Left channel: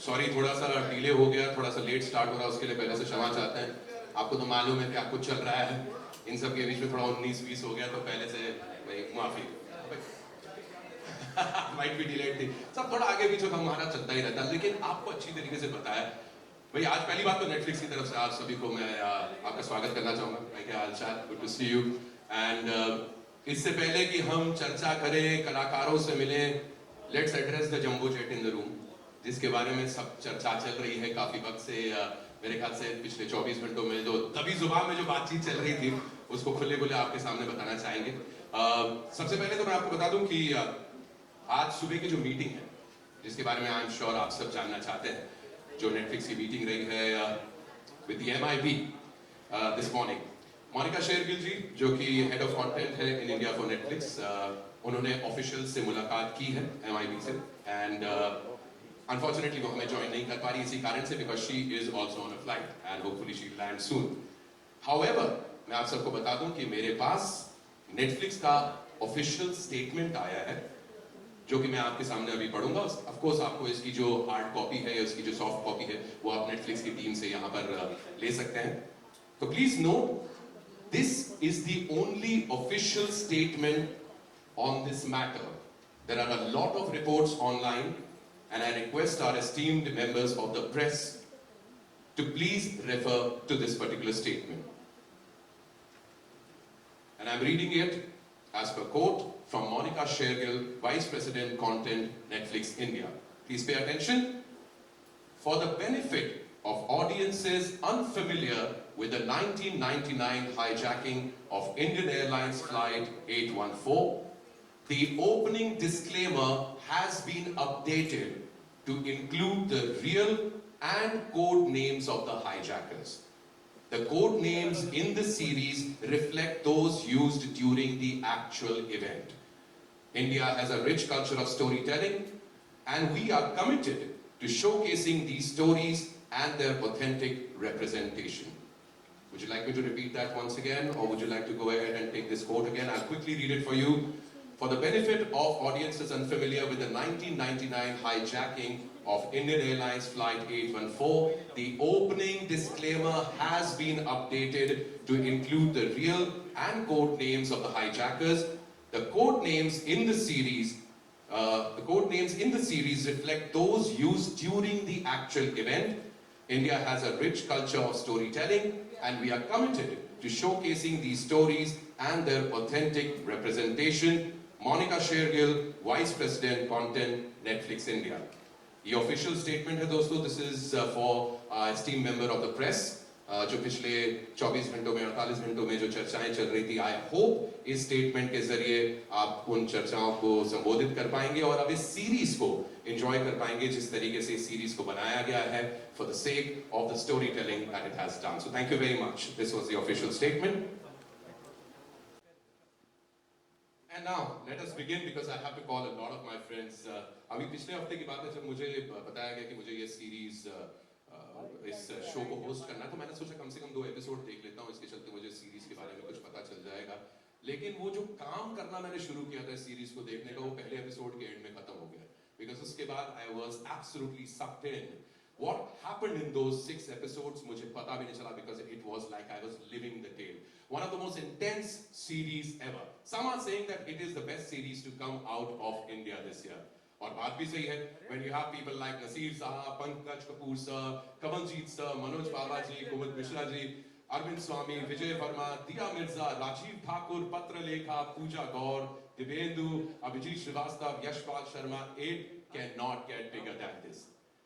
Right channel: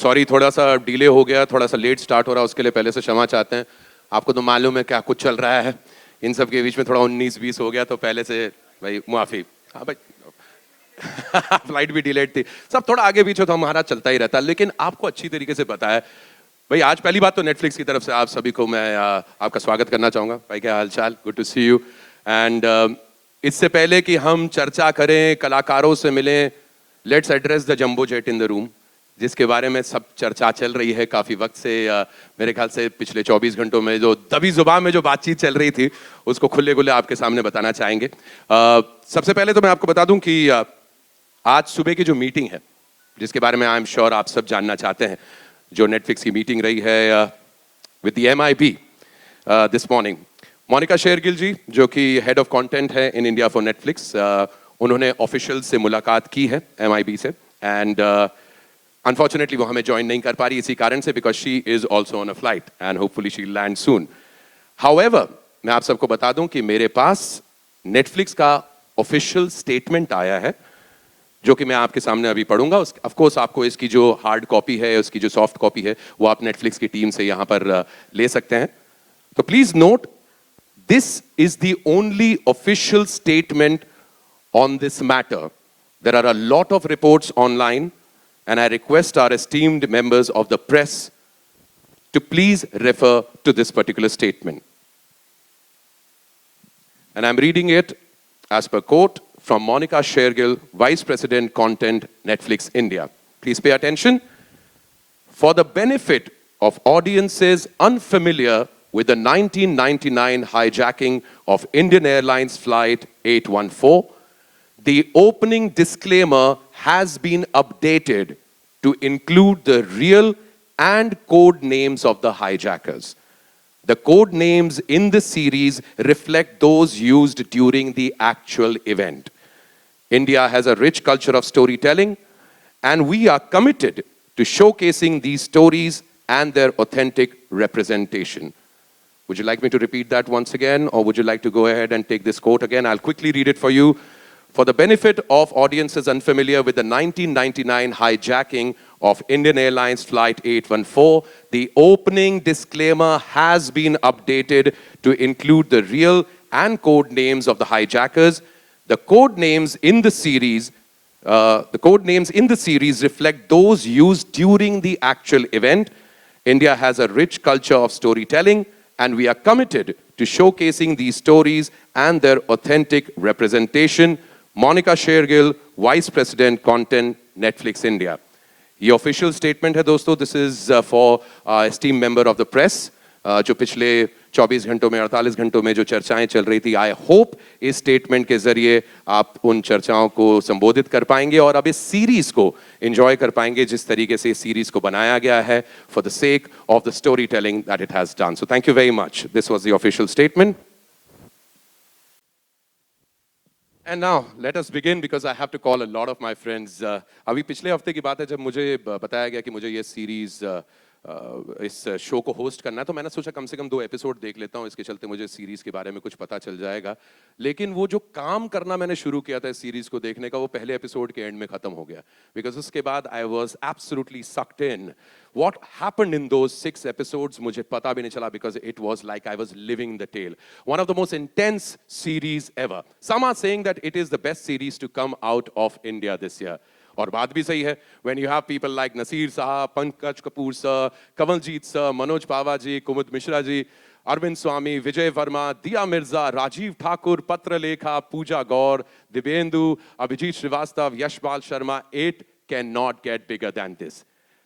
Sorry थोड़ा सा delay हो गया, थोड़ा सा लेट स्टार्ट हो रहा है, उसके लिए पहले से क्षमा चाहते हैं। आपको तो मालूम है क्या कुछ चल रहा है, इन सब के बीच में थोड़ा 19-20 हो गया, तो पहले से भाई मुआफी। हाँ भाई फ्लाइट भी डिलेड थी, सब थोड़ा आगे पीछे तो हमारा चलता ही रहता है, लेकिन आपको अच्छी तरीके से पता है। भाई आज पहली बात तो नेटफ्लिक्स की तरफ से आप सभी को मैं आपका स्वागत करना चाहूँगा। भाई क्या हालचाल, good to see you. And इससे पहले कि हम चर्चा करें, कलाकारों से मिलें, let's address the jumbo jet in the room, जिसके बारे में सब चर्चा चल रही है काफ़ी वक्त से। मेरे ख्याल से पिछले 24 घंटों में जो दबी जुबान में जो बातचीत चल रही थी, उसको खुले खुले आपके सामने बताना चाहेंगे। सबसे पहले तो मैं आपको बता दूं कि आज सुबह की जो मीटिंग है, जिसके बारे में आई एम श्योर आप सब जानना चाहते हैं, जो नेटफ्लिक्स की मीटिंग रही है with the MIP this morning. Monika Shergill ji, जो कि हेड ऑफ कंटेंट है इन इंडिया फॉर नेटफ्लिक्स, उन्होंने ऑफिशियल से मुलाकात की है MIP से, एंड अनफॉर्चुनेटली वो हमें ज्वाइन नहीं कर पा रही इसी कारण से, because she is also on a flight and hopefully she land soon. However, मैं आप सबको बता दूं कि मेरे पास नेटफ्लिक्स का ऑफिशियल स्टेटमेंट आया है, जो कि मैं आपके सामने अभी पढ़ूंगा। ऑफ कोर्स आपको इसकी जो हार्ड कॉपी है, उसकी जो सॉफ्ट कॉपी है, वो आप नेटफ्लिक्स की टीम से यहां पर ले सकते हैं। तो please note, this is the only official statement on this matter. There are a lot of reports online, and I request our esteemed members of the press to please refer to this particular statement. And I'm reading it as per quote from Monica Shergill, Vice President Content, Netflix India. Please pay attention. For the benefit of audiences unfamiliar with the 1999 hijacking of Indian Airlines Flight 814, the opening disclaimer has been updated to include the real and code names of the hijackers. The code names in the series reflect those used during the actual event. India has a rich culture of storytelling, and we are committed to showcasing these stories and their authentic representation. Would you like me to repeat that once again, or would you like to go ahead and take this quote again? I'll quickly read it for you. For the benefit of audiences unfamiliar with the 1999 hijacking of Indian Airlines Flight 814, the opening disclaimer has been updated to include the real and code names of the hijackers. The code names in the series reflect those used during the actual event. India has a rich culture of storytelling, and we are committed to showcasing these stories and their authentic representation. Monika Shergill, vice president content, Netflix India. ये official statement है दोस्तों। This is for esteem member of the press. जो पिछले 24 घंटों में, 48 घंटों में जो चर्चाएं चल रही थी, आई होप इस स्टेटमेंट के जरिए आप उन चर्चाओं को संबोधित कर पाएंगे और अब इस सीरीज को एंजॉय कर पाएंगे जिस तरीके से इस सीरीज को बनाया गया है, for the sake of the story telling that it has done. So thank you very much. This was the official statement. And now let us begin, because I have to call a lot of my friends. अभी पिछले हफ्ते की बात है जब मुझे बताया गया कि मुझे ये सीरीज इस शो को होस्ट करना है, तो मैंने सोचा कम से कम 2 एपिसोड देख लेता हूँ, इसके चलते मुझे सीरीज के बारे में कुछ पता चल जाएगा। लेकिन वो जो काम करना मैंने शुरू किया था इस सीरीज को देखने का, वो पहले एपिसोड के एंड में खत्म हो गया, बिकॉज उसके बाद I was absolutely sucked in. What happened in those 6 episodes, मुझे पता भी नहीं चला, because it was like I was living the tale. One of the most intense series ever. Some are saying that it is the best series to come out of India this year. और बात भी सही है, when you have people like Naseer साहब, Pankaj Kapoor sir, Kamaljeet sir, Manoj पावा जी, कुमुद मिश्रा जी, अरविंद स्वामी, विजय वर्मा, दिया मिर्जा, राजीव ठाकुर, पत्रलेखा, पूजा गौर, Dibyendu, Abhijit Srivastava, Yashpal Sharma, it cannot get bigger than this.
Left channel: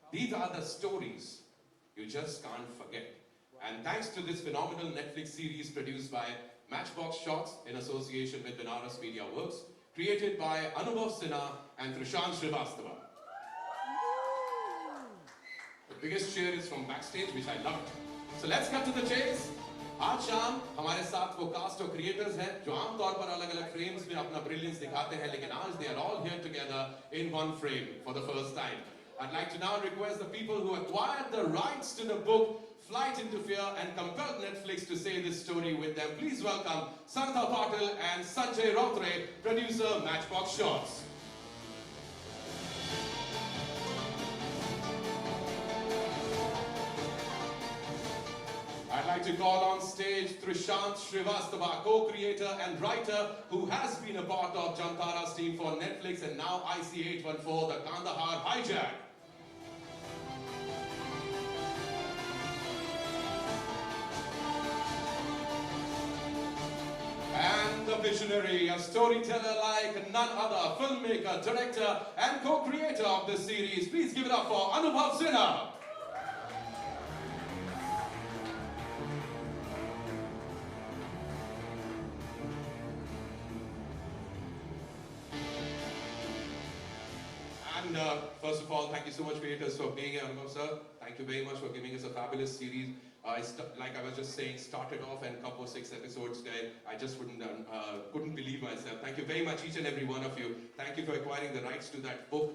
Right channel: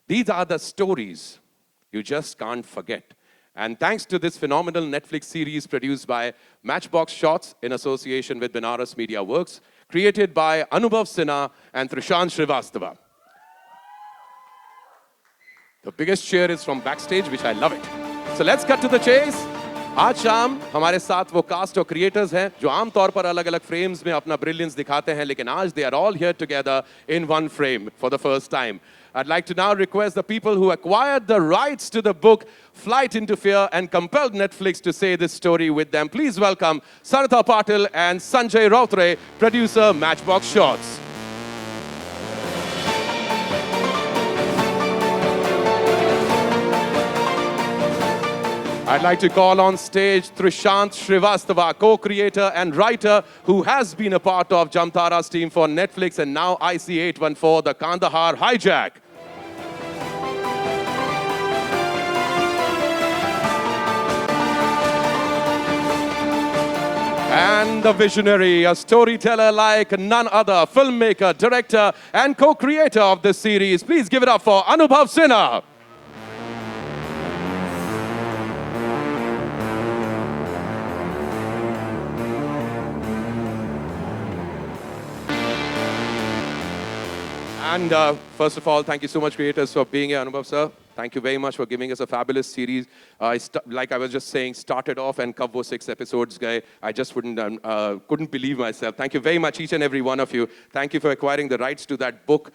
These are the stories you just can't forget. And thanks to this phenomenal Netflix series produced by Matchbox Shots in association with Benares Media Works, created by Anubhav Sinha and Trishant Srivastava. The biggest cheer is from backstage, which I love it. So let's cut to the chase. आज शाम हमारे साथ वो cast और creators हैं जो आमतौर पर अलग अलग फ्रेम्स में अपना ब्रिलियंस दिखाते हैं, लेकिन आज they are all here together in one frame for the first time. I'd like to now request the people who acquired the rights to the book Flight into Fear and compelled Netflix to say this story with them. Please welcome Saratha Patil and Sanjay Rautre, producer, Matchbox Shots. I'd like to call on stage Trishant Shrivastava, co-creator and writer who has been a part of Jamtara's team for Netflix and now IC814, the Kandahar Hijack. And the visionary, a storyteller like none other, filmmaker, director, and co-creator of this series. Please give it up for Anubhav Sinha. And first of all, thank you so much, creators, for being here, Anubhav sir. Thank you very much for giving us a fabulous series. Like I was just saying, started off and कब वो 6 episodes गए. I just couldn't believe myself. Thank you very much, each and every one of you. Thank you for acquiring the rights to that book.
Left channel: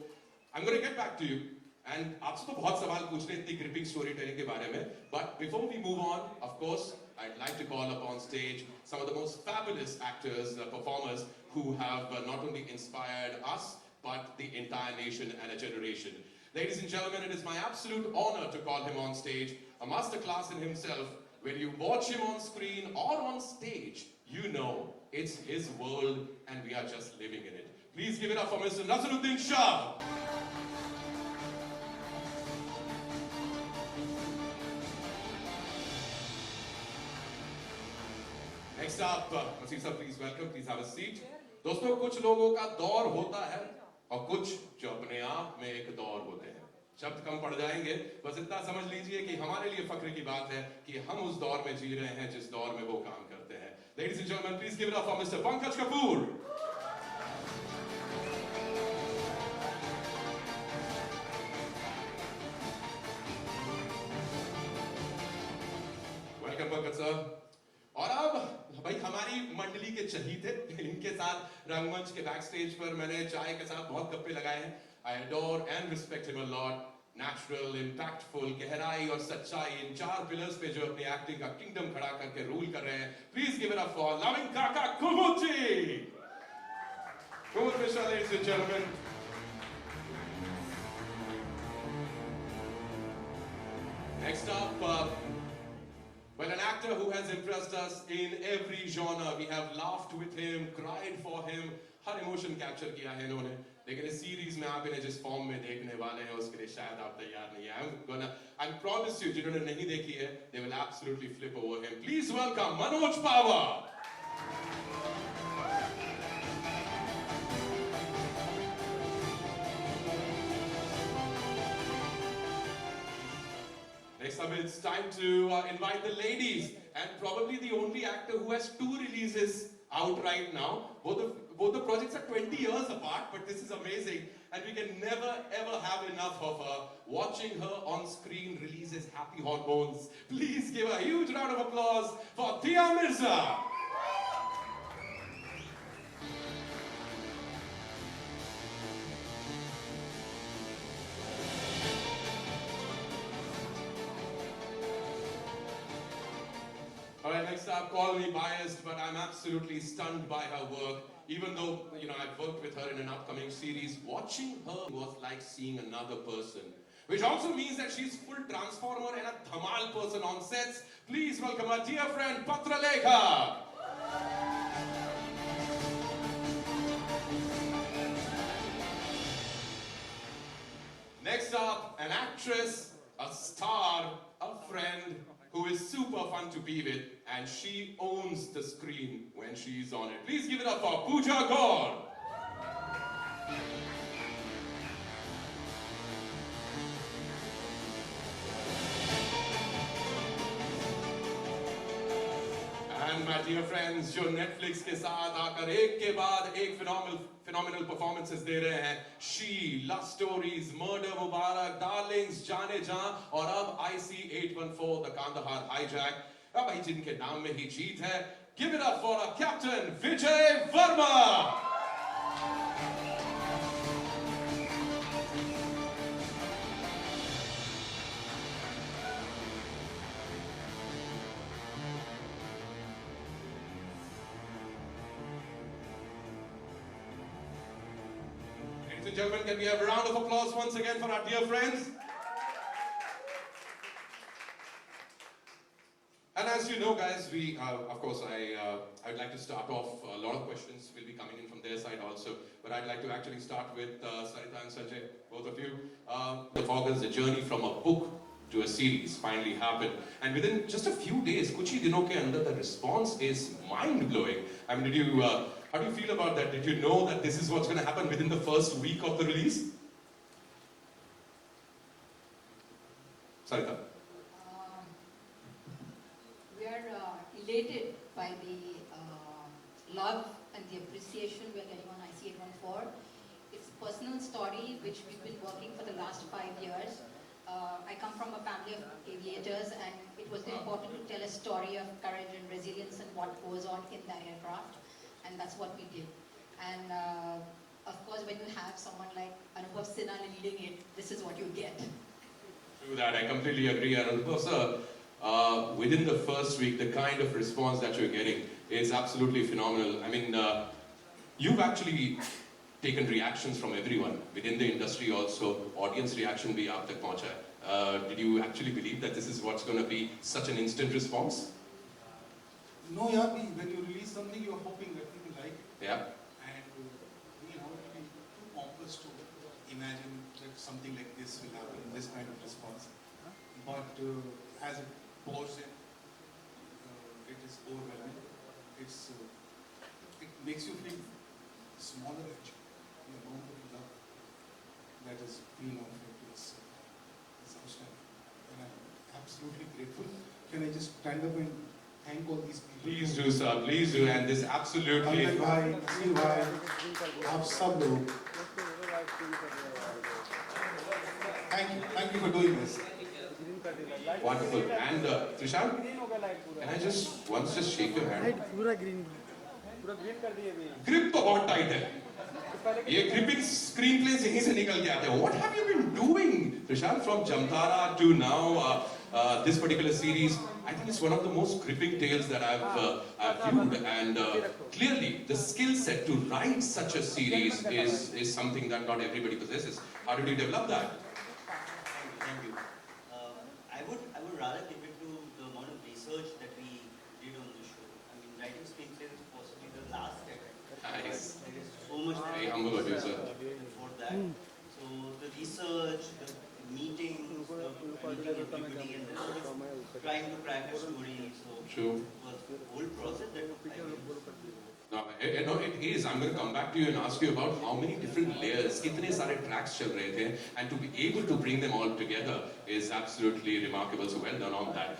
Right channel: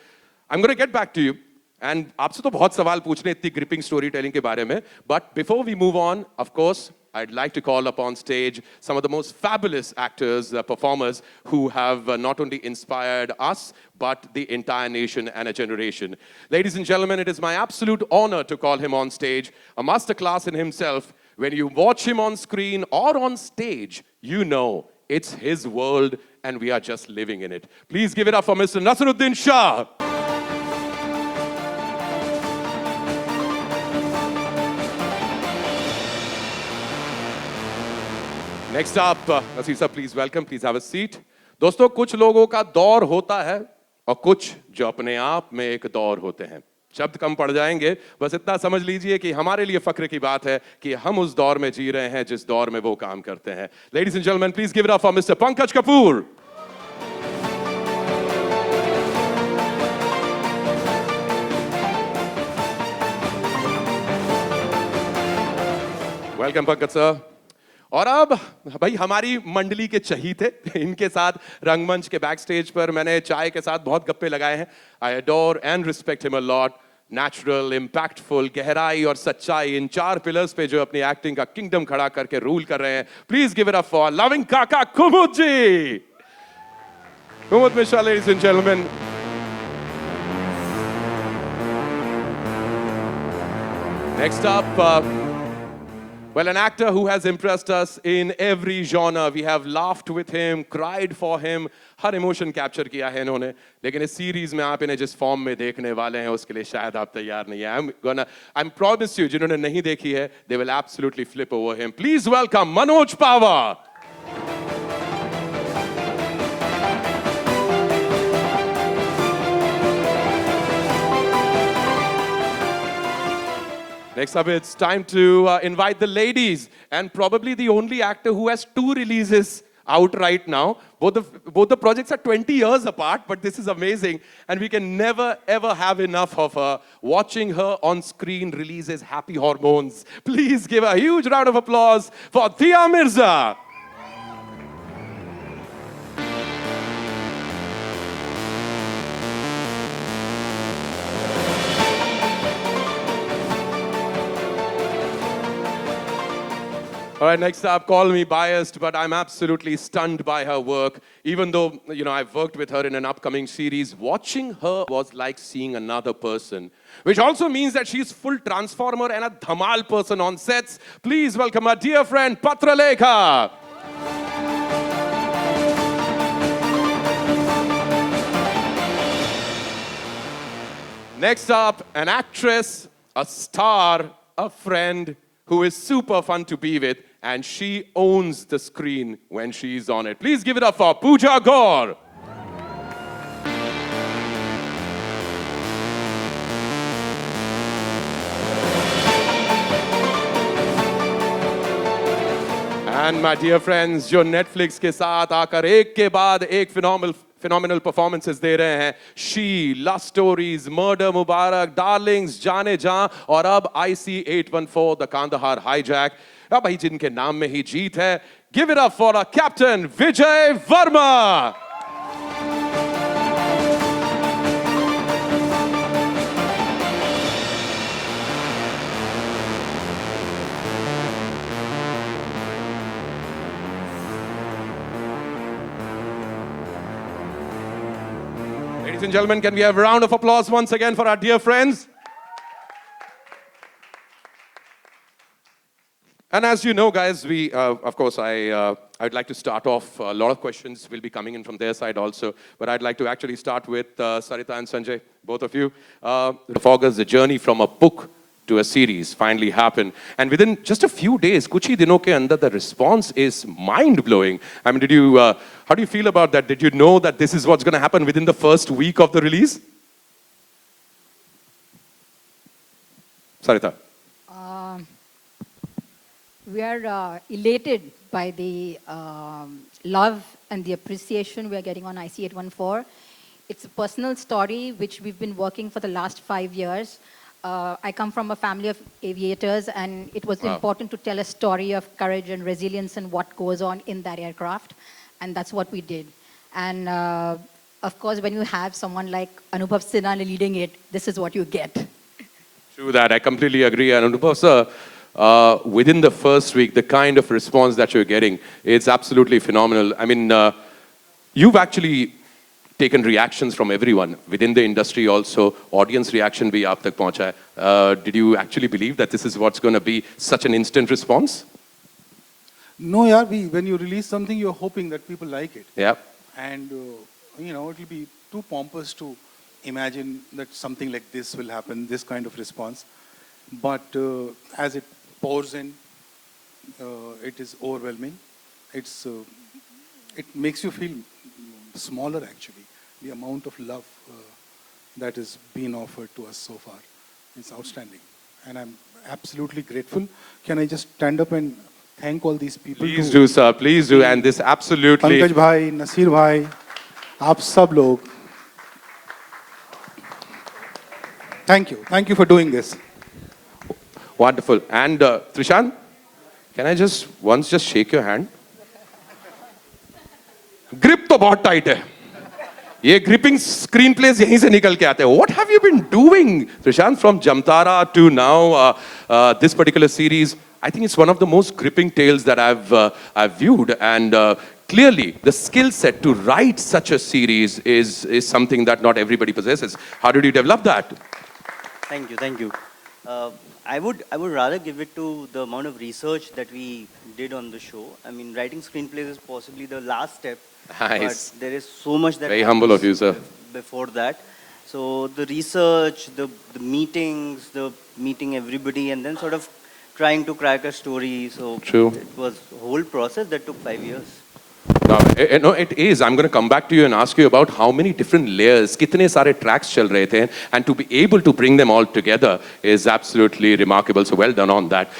I'm going to get back to you. And आपसे तो बहुत सवाल पूछने इतनी gripping storytelling के बारे में. But before we move on, of course, I'd like to call upon stage some of the most fabulous actors, performers who have not only inspired us, but the entire nation and a generation. Ladies and gentlemen, it is my absolute honor to call him on stage, a masterclass in himself. When you watch him on screen or on stage, you know it's his world and we are just living in it. Please give it up for Mr. Naseeruddin Shah. Next up, Naseer sir, please welcome, please have a seat. दोस्तों, कुछ लोगों का दौर होता है और कुछ जो अपने आप में एक दौर होते हैं. शब्द कम पड़ जाएंगे, बस इतना समझ लीजिए कि हमारे लिए फक्र की बात है कि हम उस दौर में जी रहे हैं जिस दौर में वो काम करते हैं. Ladies and gentlemen, please give it up for Mr. Pankaj Kapoor. Welcome, Pankaj sir. और अब भाई हमारी मंडली के चहीते इनके साथ रंगमंच के बैक स्टेज पर मैंने चाय के साथ बहुत गप्पे लगाए हैं. I adore and respect him a lot. Natural, impactful, गहराई और सच्चाई, इन 4 पिलर्स पे जो अपनी एक्टिंग का किंगडम खड़ा करके रूल कर रहे हैं. Please give it up for loving Kaka Kumud ji. Kumud Mishra, ladies and gentleman. Next up, well, an actor who has impressed us in every genre. We have laughed with him, cried for him, her emotion capture किया है इन्होंने. लेकिन इस series में आप इन्हें जिस form में देखने वाले हैं उसके लिए शायद आप तैयार नहीं हैं. I'm promise you, जिन्होंने नहीं देखी है, they will absolutely flip over him. Please welcome Manoj Pawar. Next up, it's time to invite the ladies, and probably the only actor who has 2 releases out right now. Both the projects are 20 years apart, but this is amazing, and we can never ever have enough of her. Watching her on screen releases happy hormones. Please give a huge round of applause for Thea Mirza. All right, next up, call me biased, but I'm absolutely stunned by her work. Even though, I've worked with her in an upcoming series, watching her was like seeing another person. Which also means that she's full transformer and a dhamal person on sets. Please welcome our dear friend, Patra Lekha. Next up, an actress, a star, a friend, who is super fun to be with, and she owns the screen when she's on it. Please give it up for Pooja Gaur. And my dear friends, जो Netflix के साथ आकर एक के बाद एक phenomenal performances दे रहे हैं. She, Love Stories, Murder Mubarak, Darlings, जाने जा और अब IC814, the Kandahar Hijack. अब भाई जिनके नाम में ही जीत है. Give it up for our captain, Vijay Verma. Ladies and gentlemen, can we have a round of applause once again for our dear friends? And as you know, guys, of course, I'd like to start off. A lot of questions will be coming in from their side also, but I'd like to actually start with Sarita and Sanjay, both of you. August, the journey from a book to a series finally happened, and within just a few days, kuch hi dinon ke andar, the response is mind-blowing. I mean, how do you feel about that? Did you know that this is what's going to happen within the first week of the release? Sarita. We are elated by the love and the appreciation we are getting on IC 814. It's a personal story which we've been working for the last 5 years. I come from a family of aviators, and it was important to tell a story of courage and resilience and what goes on in that aircraft, and that's what we did. And of course, when you have someone like Anubhav Sinha leading it, this is what you get. True that, I completely agree. And Anubhav sir, within the first week, the kind of response that you're getting, it's absolutely phenomenal. I mean, you've actually taken reactions from everyone within the industry also. Audience reaction bhi aap tak pahuncha hai. Did you actually believe that this is what's going to be such an instant response? No, yeah, when you release something, you're hoping that people like it. Yeah. And, it'll be too pompous to imagine that something like this will happen, this kind of response. But as it pours in, it is overwhelming. It makes you feel smaller, actually. The amount of love that is being offered to us so far is outstanding. And I'm absolutely grateful. Can I just stand up and thank all these people? Please do, sir. Please do. And this absolutely... Pankaj bhai, Nasir bhai, aap sab log. Thank you. Thank you for doing this. Wonderful. And Trishan, can I just shake your hand? Grip to bahut tight hai. Ye gripping screenplays yahin se nikal ke aate hain. What have you been doing, Trishan, from Jamtara to now this particular series? I think it's one of the most gripping tales that I've viewed, and clearly the skill set to write such a series is something that not everybody possesses. How did you develop that? Thank you. I would rather give it to the amount of research that we did on the show. I mean, writing screenplays is possibly the last step. Nice. But there is so much that Very humble of you, sir. Before that. So the research, the meetings, the meeting everybody, and then sort of trying to crack a story. So True. It was a whole process that took 5 years. No, it is. I'm going to come back to you and ask you about how many different layers, kitne sare tracks chal rahe the, and to be able to bring them all together is absolutely remarkable. So well done on that.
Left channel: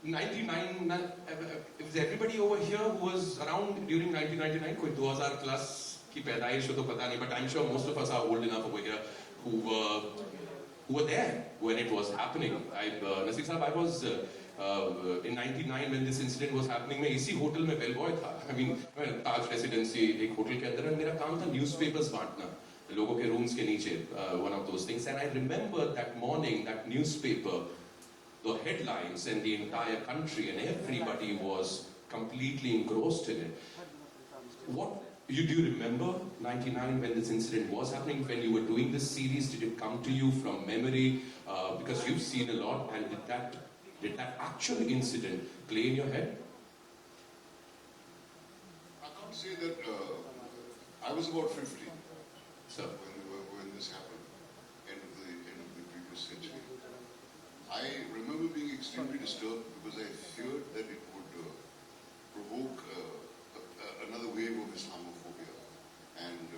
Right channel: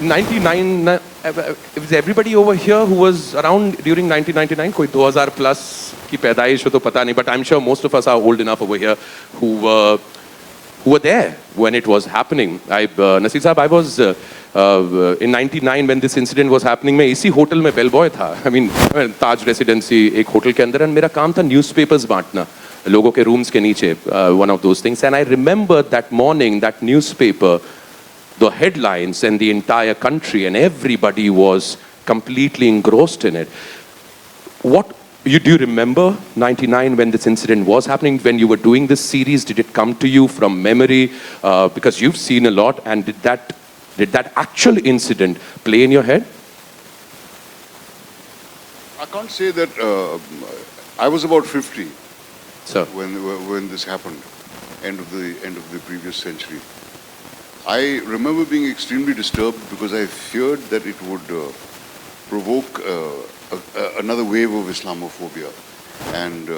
99, was everybody over here who was around during 1999? Koi 2000 plus ki paidaish ho to pata nahi, but I'm sure most of us are old enough over here who were there when it was happening. Nasir Sahab, I was in 99 when this incident was happening. मैं इसी hotel में bellboy था. I mean, Taj residency एक hotel के अंदर, and मेरा काम था newspapers बांटना लोगों के rooms के नीचे, one of those things. And I remember that morning, that newspaper, the headlines, and the entire country and everybody was completely engrossed in it. Do you remember 99 when this incident was happening, when you were doing this series? Did it come to you from memory? Because you've seen a lot, and did that actual incident play in your head? I can't say that. I was about 50 Sir. when this happened, end of the previous century. I remember being extremely disturbed because I feared that it would provoke another wave of Islamophobia, and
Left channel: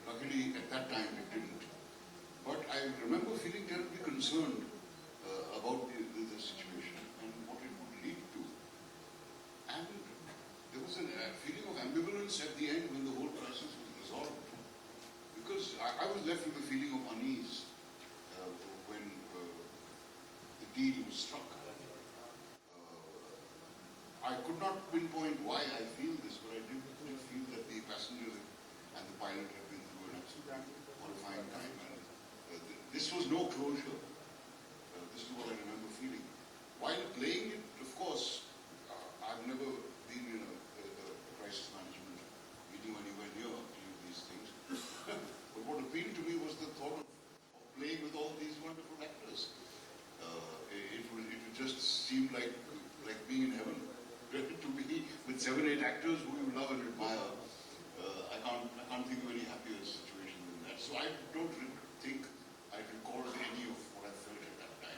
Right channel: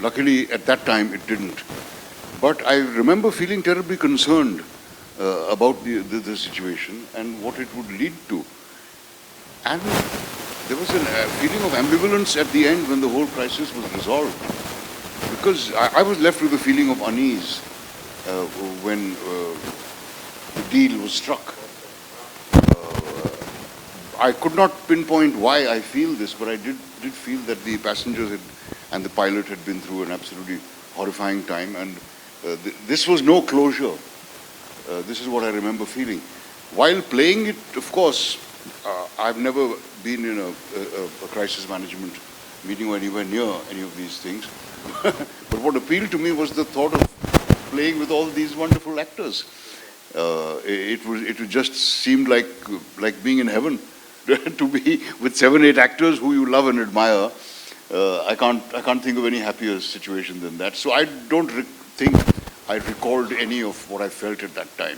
luckily at that time it didn't. But I remember feeling terribly concerned about the situation and what it would lead to. And there was a feeling of ambivalence at the end when the whole crisis was resolved, because I was left with a feeling of unease when the deal was struck. I could not pinpoint why I feel this, but I did feel that the passengers and the pilot had been through an absolutely horrifying time, and this was no closure. This is what I remember feeling. While playing it, of course, I've never been in a crisis management meeting or anywhere near any of these things. But what appealed to me was the thought of playing with all these wonderful actors. it just seemed like being in heaven to be with 7-8 actors who you love and admire. I can't think of any happier situation than that. So I don't think I recalled any of what I felt at that time.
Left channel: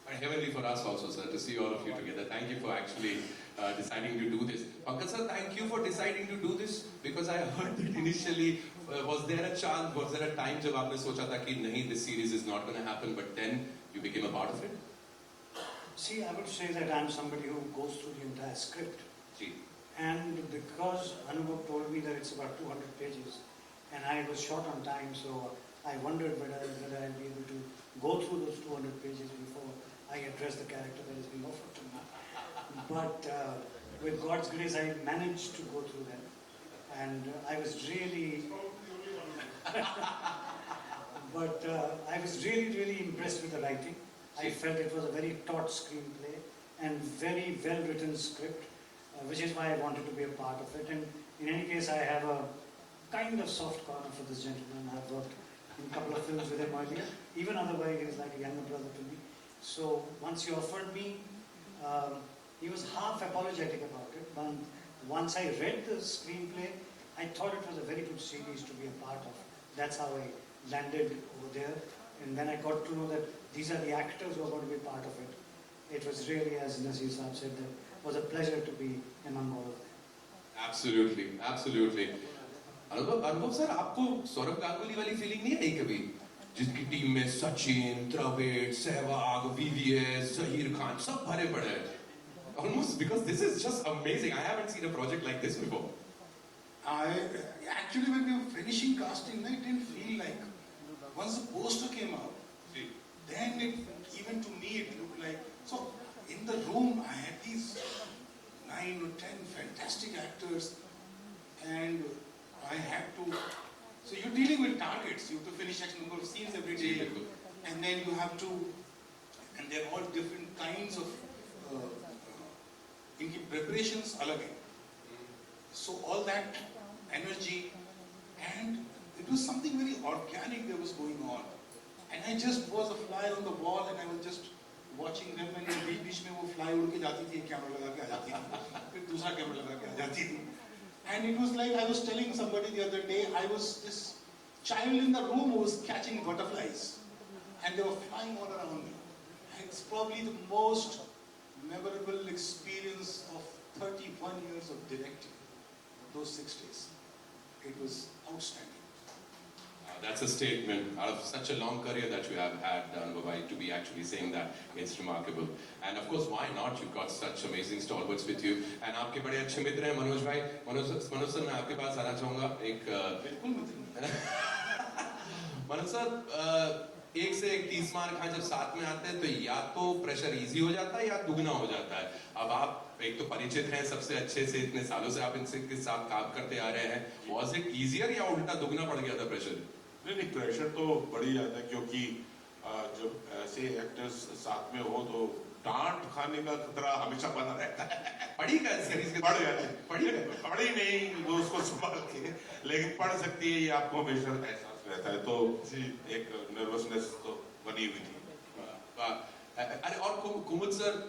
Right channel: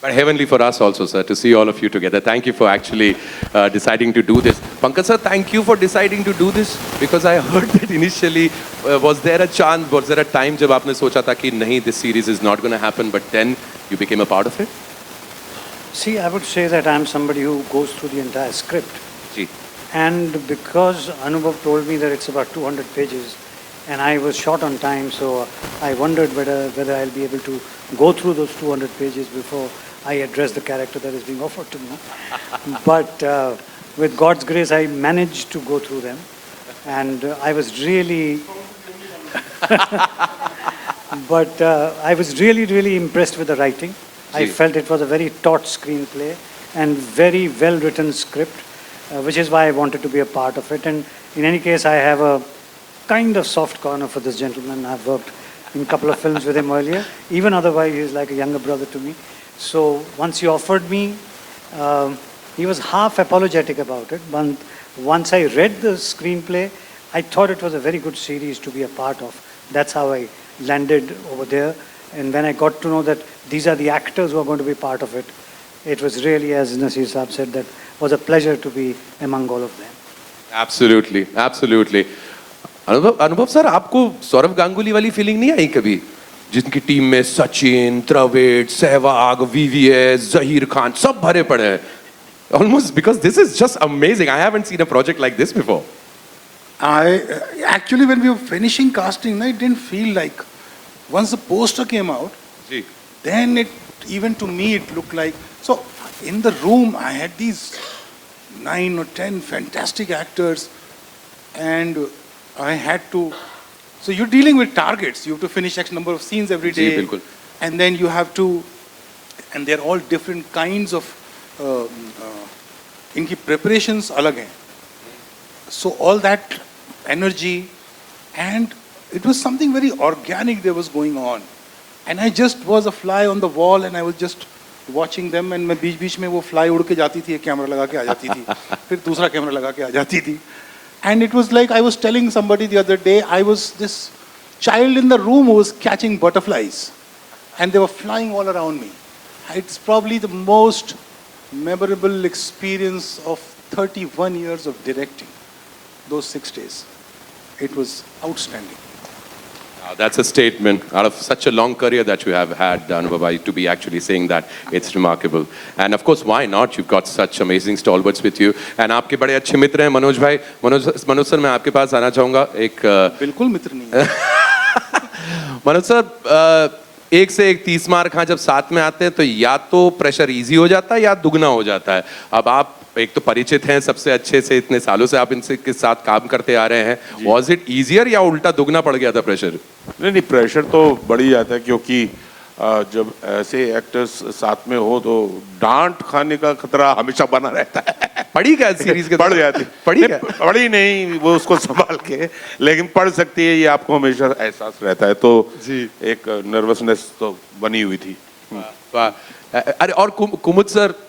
But heavenly for us also, sir, to see all of you together. Thank you for actually deciding to do this. Pankaj sir, thank you for deciding to do this, because I heard that initially, was there a time jab aapne socha tha ki nahi, this series is not going to happen, but then you became a part of it? See, I would say that I'm somebody who goes through the entire script. Ji. And because Anubhav told me that it's about 200 pages, and I was short on time, so I wondered whether I'll be able to go through those 200 pages before I address the character that is being offered to me. But with God's grace, I managed to go through them. And I was really... but I was really, really impressed with the writing. I felt it was a very taut screenplay and very well-written script, which is why I wanted to be a part of it. And in any case, I have a kind of soft corner for this gentleman. I've worked in a couple of films with him earlier. Even otherwise, he's like a younger brother to me. So once he offered me, he was half apologetic about it. But once I read the screenplay, I thought it was a very good series to be a part of. That's how I landed over there. And when I got to know that these are the actors who are going to be part of it, it was really, as Nasir Saab said, that was a pleasure to be among all of them. Absolutely, absolutely. अनुभव sir, आपको सौरव गांगुली वाली feeling नहीं आई कभी, जिनकी team में Sachin, Dravid, Sehwag, VVS, Zaheer Khan सब भरे पड़े हैं? Almost, because this is just amazing. I haven't seen a project like this before. Actually, when we were finishing casting, I didn't feel like, once the poster came out, ji. then even to me it looked like, so in the room I had these 9 or 10 fantastic actors, and I had to, so you're dealing with targets, you have to finish X number of scenes every ji, day, बिल्कुल. and then you have to, and they're all different kinds of, इनकी preparations अलग हैं. So all that energy, and it was something very organic that was going on. And I just was a fly on the wall, and I was just watching them, and मैं बीच-बीच में वो fly उड़ के जाती थी, एक camera लगा के आ जाती थी, फिर दूसरा कैमरा लगा के आ जाती थी. And it was like I was telling somebody the other day, I was this child in the room who was catching butterflies, and they were flying all around me. It's probably the most memorable experience of 31 years of directing, those 6 days. It was outstanding. That's a statement. Out of such a long career that you have had, Anubhav, to be actually saying that, it's remarkable. And of course, why not? You've got such amazing stalwarts with you. And आपके बड़े अच्छे मित्र हैं मनोज भाई. Manoj sir, मैं आपके पास आना चाहूँगा. एक बिल्कुल मित्र नहीं है. मनोज सर, एक से एक 30 मार खां जब साथ में आते हैं तो या तो प्रेशर इजी हो जाता है या दुगना हो जाता है. अब आप एक तो परिचित हैं सबसे अच्छे से, इतने सालों से आप इनसे के साथ काम करते आ रहे हैं. Was it easier या उल्टा दुगना पड़ गया था प्रेशर? नहीं, प्रेशर तो बढ़ ही जाता है, क्योंकि जब ऐसे एक्टर्स साथ में हो तो डांट खाने का खतरा हमेशा बना रहता है. पढ़ी क्या सीरीज के? पढ़ जाती. पढ़ी नहीं, वो उसको संभाल के, लेकिन पढ़ सकती है, ये आपको हमेशा एहसास रहता है. तो एक नर्वसनेस तो बनी हुई थी. अरे और कुमुद सर,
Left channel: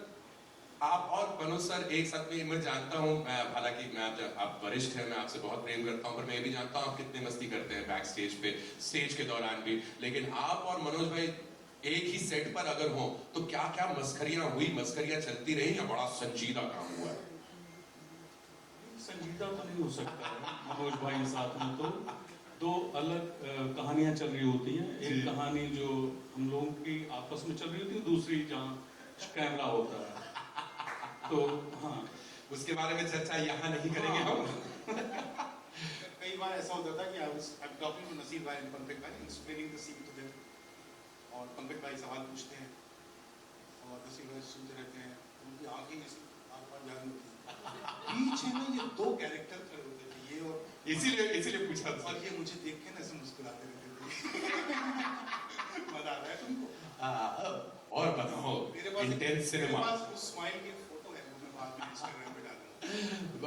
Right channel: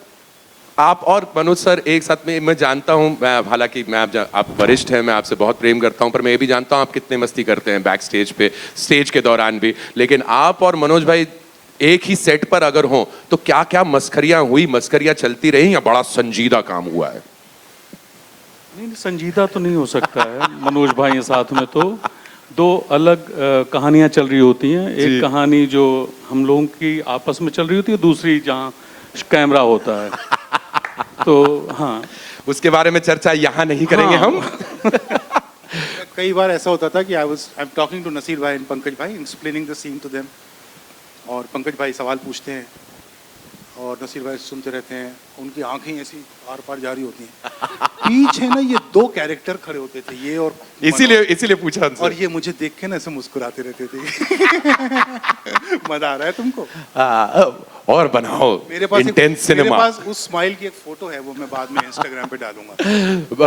आप और मनोज सर एक साथ में, मैं जानता हूं, हालांकि मैं आप वरिष्ठ हैं, मैं आपसे बहुत प्रेम करता हूं, पर मैं ये भी जानता हूं आप कितने मस्ती करते हैं बैक स्टेज पे, स्टेज के दौरान भी. लेकिन आप और मनोज भाई एक ही सेट पर अगर हों तो क्या क्या मस्खरियां हुई, मस्खरियां चलती रही, या बड़ा संजीदा काम हुआ है? नहीं, संजीदा तो नहीं हो सकता है. मनोज भाई साथ में तो दो अलग कहानियां चल रही होती हैं. एक कहानी जो हम लोगों की आपस में चल रही होती है, दूसरी जहाँ कैमरा होता है. तो हाँ, उसके बारे में चर्चा यहाँ नहीं करेंगे हम. कई बार ऐसा होता था कि I am talking to Naseer bhai and Pankaj bhai, explaining the scene to them, और पंकज भाई सवाल पूछते हैं और नसीर भाई सुनते रहते हैं, उनकी आंखें ऐसी आर पार जारी होती हैं. पीछे ना ये 2 कैरेक्टर खड़े होते थे, ये और इसीलिए पूछा उनसे. और ये मुझे देख के ना ऐसे मुस्कुराते रहते थे. मजा आ रहा है तुमको? और बनाओ मेरे पास इंटेंस मेरे सिनेमा. पास उस स्माइल की एक फोटो है, वो मैं बाद में इंस्टाग्राम पे डालूंगा.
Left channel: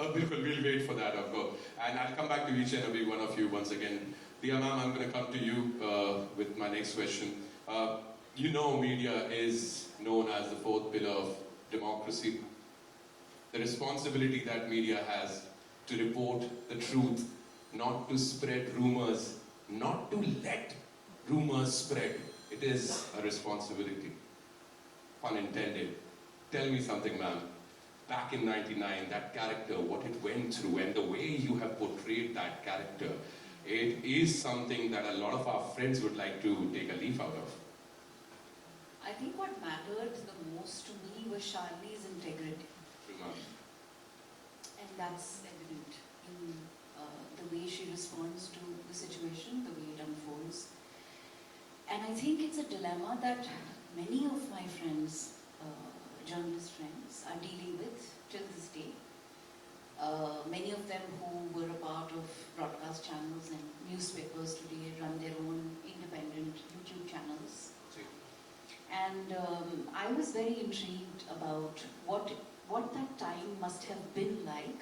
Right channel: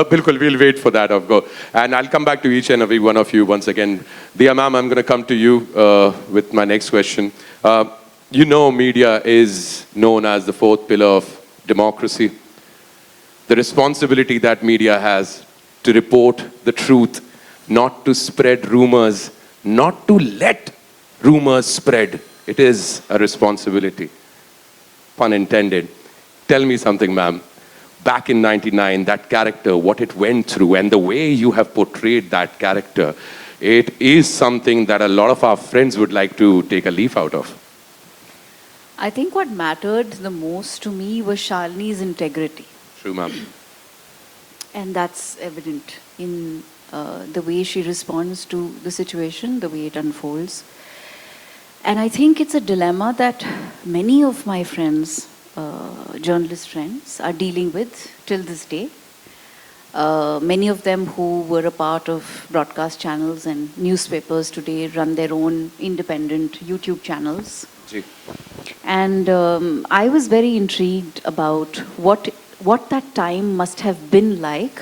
बिल्कुल, we'll wait for that, of course. And I'll come back to each and every one of you once again. Diya ma'am, I'm going to come to you with my next question. You know, media is known as the fourth pillar of democracy. The responsibility that media has to report the truth, not to spread rumors, not to let rumors spread. It is a responsibility. Pun intended. Tell me something, ma'am. Back in 99, that character, what it went through, and the way you have portrayed that character, it is something that a lot of our friends would like to take a leaf out of. I think what mattered the most to me was Shalini's integrity. True, ma'am. And that's evident in the way she responds to the situation, the way it unfolds. And I think it's a dilemma that many of my friends, journalist friends, are dealing with till this day. Many of them who were a part of broadcast channels and newspapers today run their own independent YouTube channels. Ji. And I was very intrigued about what that time must have been like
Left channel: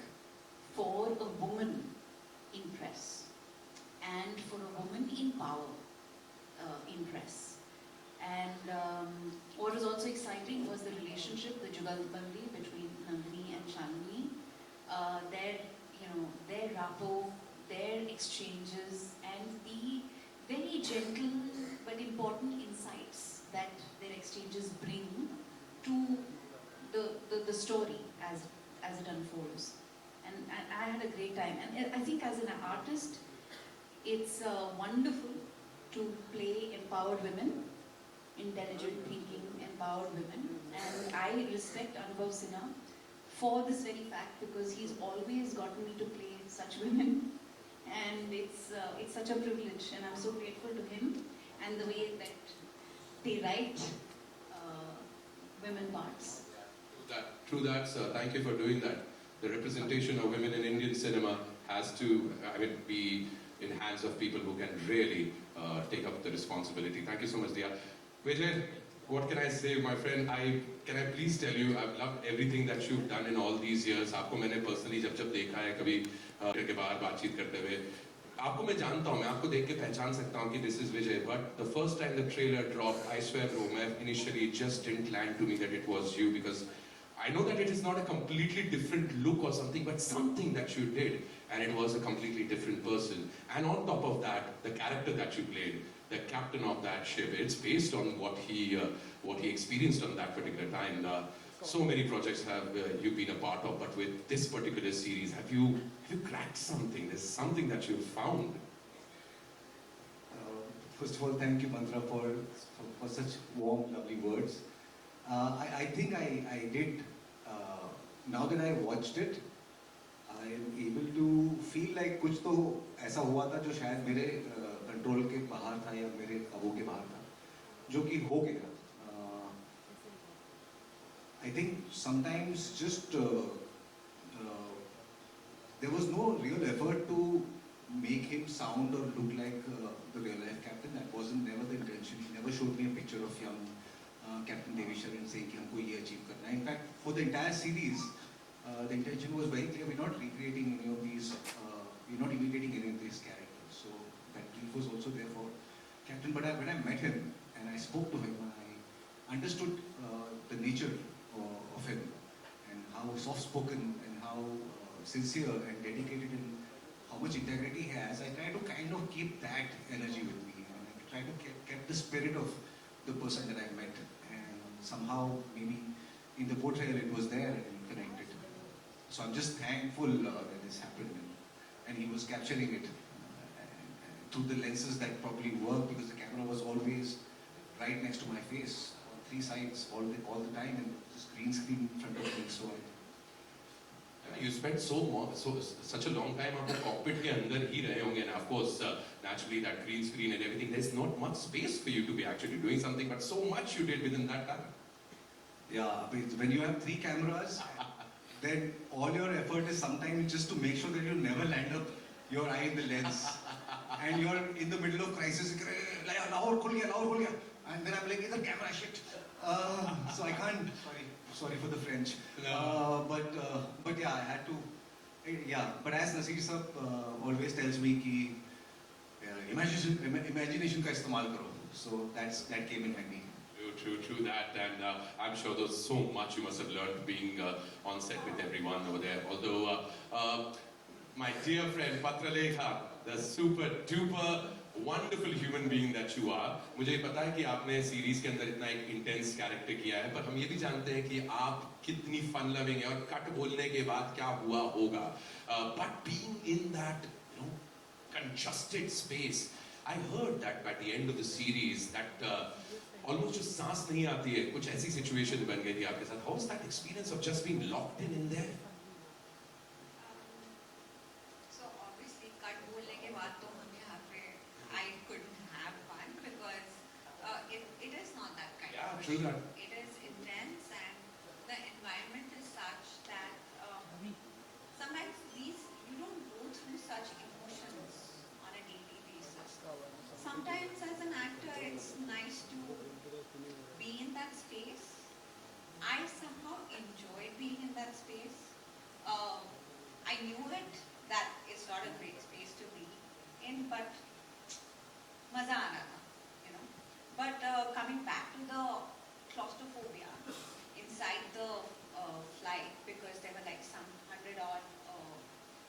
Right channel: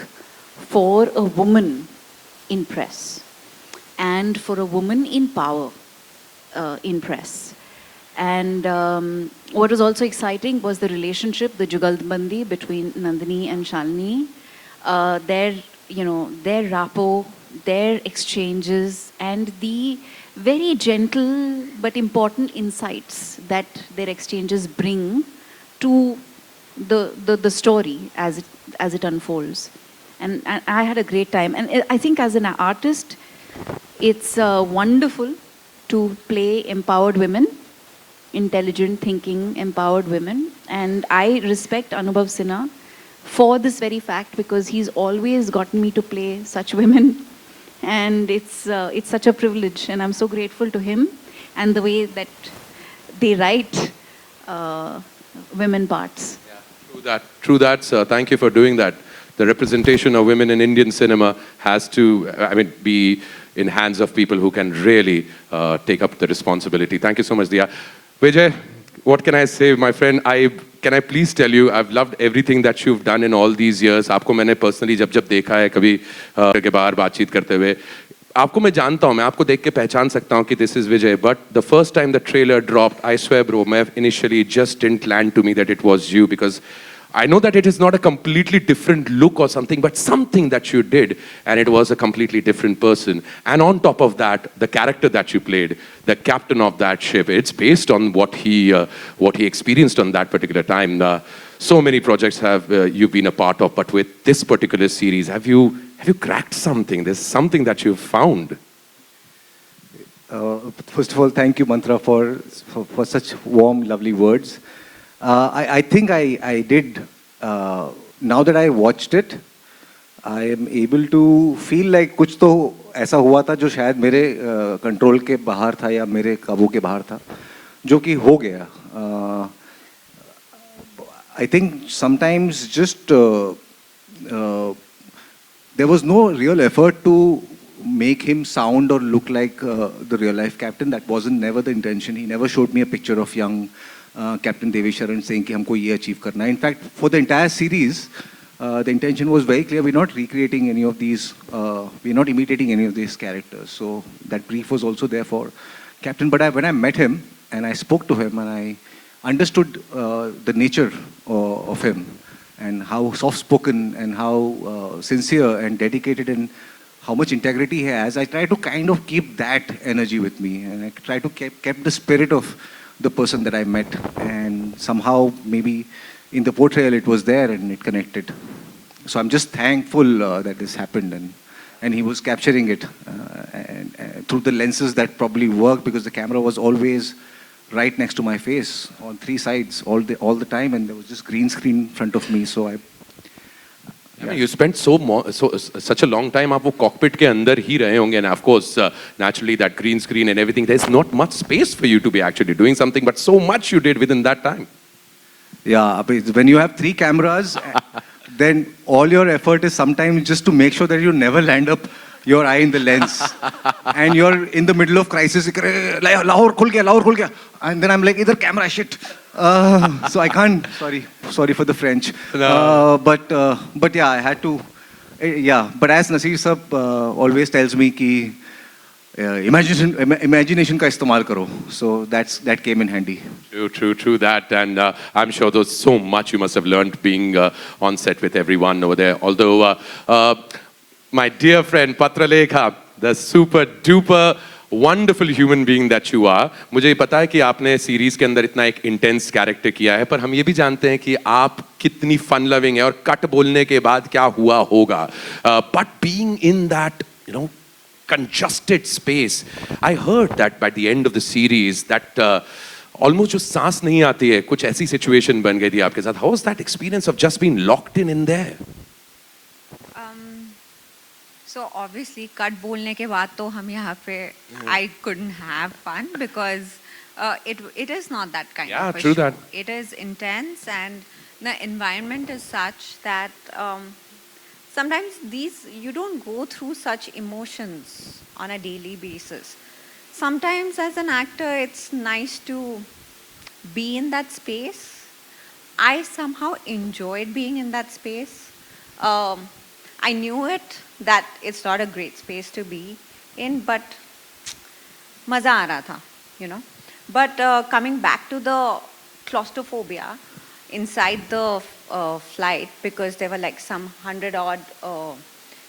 for a woman in press and for a woman in power in press. And what was also exciting was the relationship, the Jugalbandi between Nandini and Shalini, their rapport, their exchanges, and the very gentle but important insights that their exchanges bring to the story as it unfolds. And I had a great time. And I think as an artist, it's wonderful to play empowered women, intelligent thinking, empowered women. And I respect Anubhav Sinha for this very fact, because he's always gotten me to play such women. And it's such a privilege, and I'm so grateful to him and the way that they write women parts. Yeah, true that, sir. Thank you for doing that. The representation of women in Indian cinema has to, be in hands of people who can really take up the responsibility. Thank you so much, Diya. Vijay, what can I say, my friend? Can I please tell you, I've loved everything that you've done in all these years. आपको मैंने personally जब देखा है कभी के बाहर बातचीत करते हुए, आपको मैं जानता हूँ, मैं आपको देख के पहचान सकता हूँ कि this is Vijay. But the first time the trailer dropped, I swear, bro, मैं initially just didn't land to me that it was you, because I know that it is not a completely different look or something, but something that you did, and it was a completely different person. And on top of that, the character that you played, the captain of that ship, it's based on what he experienced on that particular time. So many projects have you've been a part of, but with this particular series, have you cracked something? There's something that you've found. First of all, thank you, Mantra, for such warm, lovely words. I think I did. Now that I watched it, I am able to feel like कुछ तो ऐसा हुआ था जो शायद मेरे control के बाहर था या मेरे काबू के बाहर था, जो कि हो गया. I think sometimes just there was no real effort to make him sound or look like the real life captain. That wasn't never the intention. He never showed me a picture of young Captain Devesh Sharan saying कि हमको ये achieve करना है. In fact, for the entire series, the intention was very clear. We're not recreating any of these, we're not imitating any of these characters. So that brief was also there for Captain. But when I met him and I spoke to him and I understood the nature of him and how soft-spoken and how sincere and dedicated and how much integrity he has, I try to kind of keep that energy with me, and I try to keep the spirit of the person that I met, and somehow maybe in the portrayal it was there and it connected. So I'm just thankful that this happened, and he was capturing it and through the lenses that probably worked, because the camera was always right next to my face on three sides all the time, and there was just green screen in front of me. So You spent such a long time आप वो cockpit के अंदर ही रहे होंगे, and of course naturally that green screen and everything, there's not much space for you to be actually doing something, but so much you did within that time. Yeah, but when you have three cameras, then all your effort is sometimes just to make sure that you never land up your eye in the lens, and you're in the middle of crisis. Lahore khul gaya, and then I'm like, idhar camera, shit. So I can't. Sorry for the French. No. But yeah, I had to. Yeah, but as Naseer Sab always tells me, ki imagination का इस्तेमाल करो. So that came in handy. True that. And I'm sure there's so much you must have learned being on set with everyone over there. Although, my dear friend Patralekha, the super duper wonderful human being that you are, मुझे पता है कि आपने series के अंदर इतना एक intense character किया है, पर हम ये भी जानते हैं कि आप कितनी फन लविंग है और कट बोलने के बाद क्या हुआ होगा. But being in that, congested space, I heard that by the end of the series that almost जो सांस नहीं आती है, कुछ ऐसी situation बन गई थी आपके साथ. How was that experience of just being locked in there? So obviously cut बोलने के बाद तो हम यहाँ पे I couldn't have fun because it is not that kind of a true show. that. It is intense and the environment is such that sometimes you don't go through such emotions on a daily basis. Sometimes as an actor it's nice to be in that space. I somehow enjoyed being in that space. I knew that it's not a great space to be in, but maza aa raha tha, But coming back to the claustrophobia inside the flight, because there were like some 100-odd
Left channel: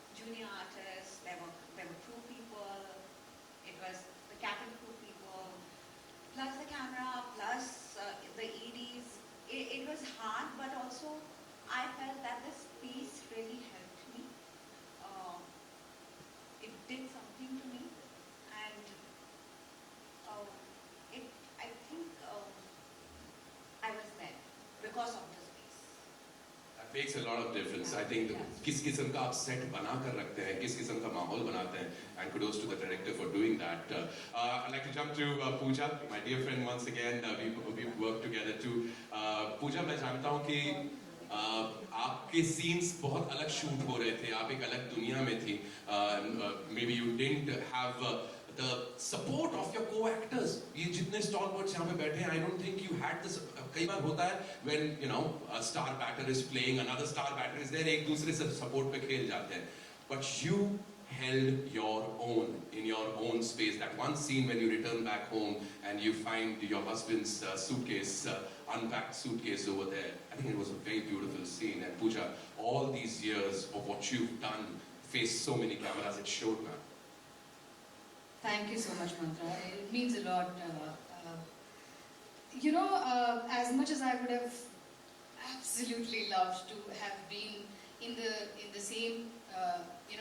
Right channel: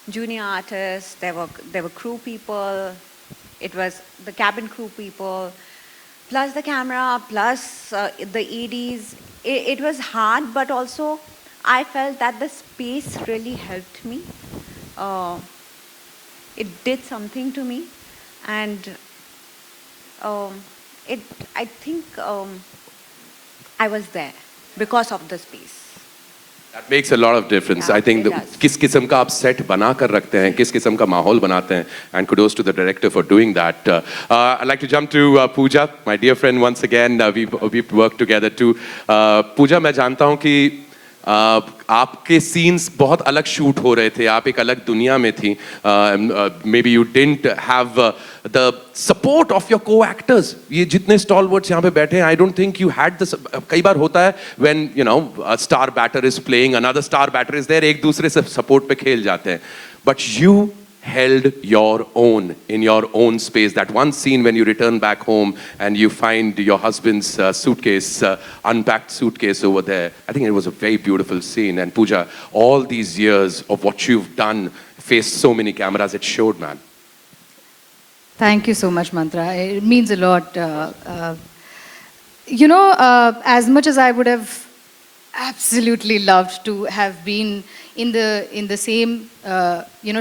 junior artists, there were crew people, it was the cabin crew people, plus the camera, plus the ADs. It was hard, but also I felt that the space really helped me. It did something to me, and I think I was there because of the space. That makes a lot of difference. Yeah, I think it does. किस किस्म का आप set बना कर रखते हैं, किस किस्म का माहौल बनाते हैं, and kudos to the director for doing that. I'd like to jump to Pooja, my dear friend once again. We've worked together too. Pooja, मैं जानता हूँ कि आपके सीन्स बहुत अलग शूट हो रहे थे, आप एक अलग दुनिया में थी. Maybe you didn't have the support of your co-actors. ये जितने stalwarts यहाँ पे बैठे हैं, I don't think you had the. कई बार होता है when a star batter is playing, another star batter is there, एक दूसरे से support पे खेल जाते हैं. But you held your own in your own space. That one scene when you return back home and you find your husband's suitcase, unpacked suitcase over there. I think it was a very beautiful scene. And Pooja, all these years of what you've done, faced so many cameras, it showed, man. Thank you so much, Mantra. It means a lot. As much as I would have absolutely loved to have been in the same,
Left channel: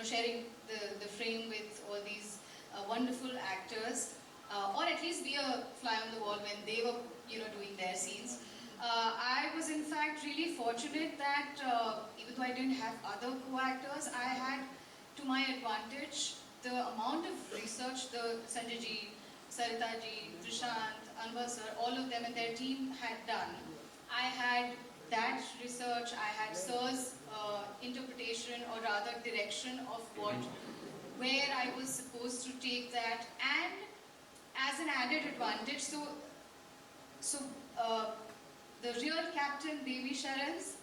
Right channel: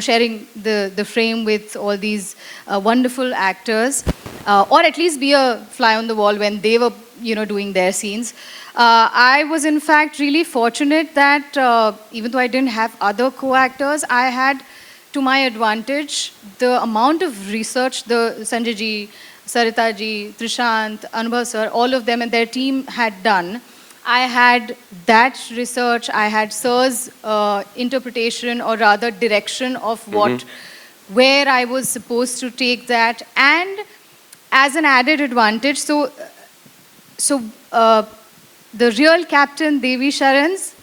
sharing the frame with all these wonderful actors, or at least be a fly on the wall when they were, doing their scenes. I was in fact really fortunate that even though I didn't have other co-actors, I had to my advantage the amount of research the Sanjay ji, Sarita ji, Trishant, Anubhav sir, all of them and their team had done. I had that research, I had Sir's interpretation or rather direction of where I was supposed to take that, and as an added advantage, so the real Captain Devi Sharan's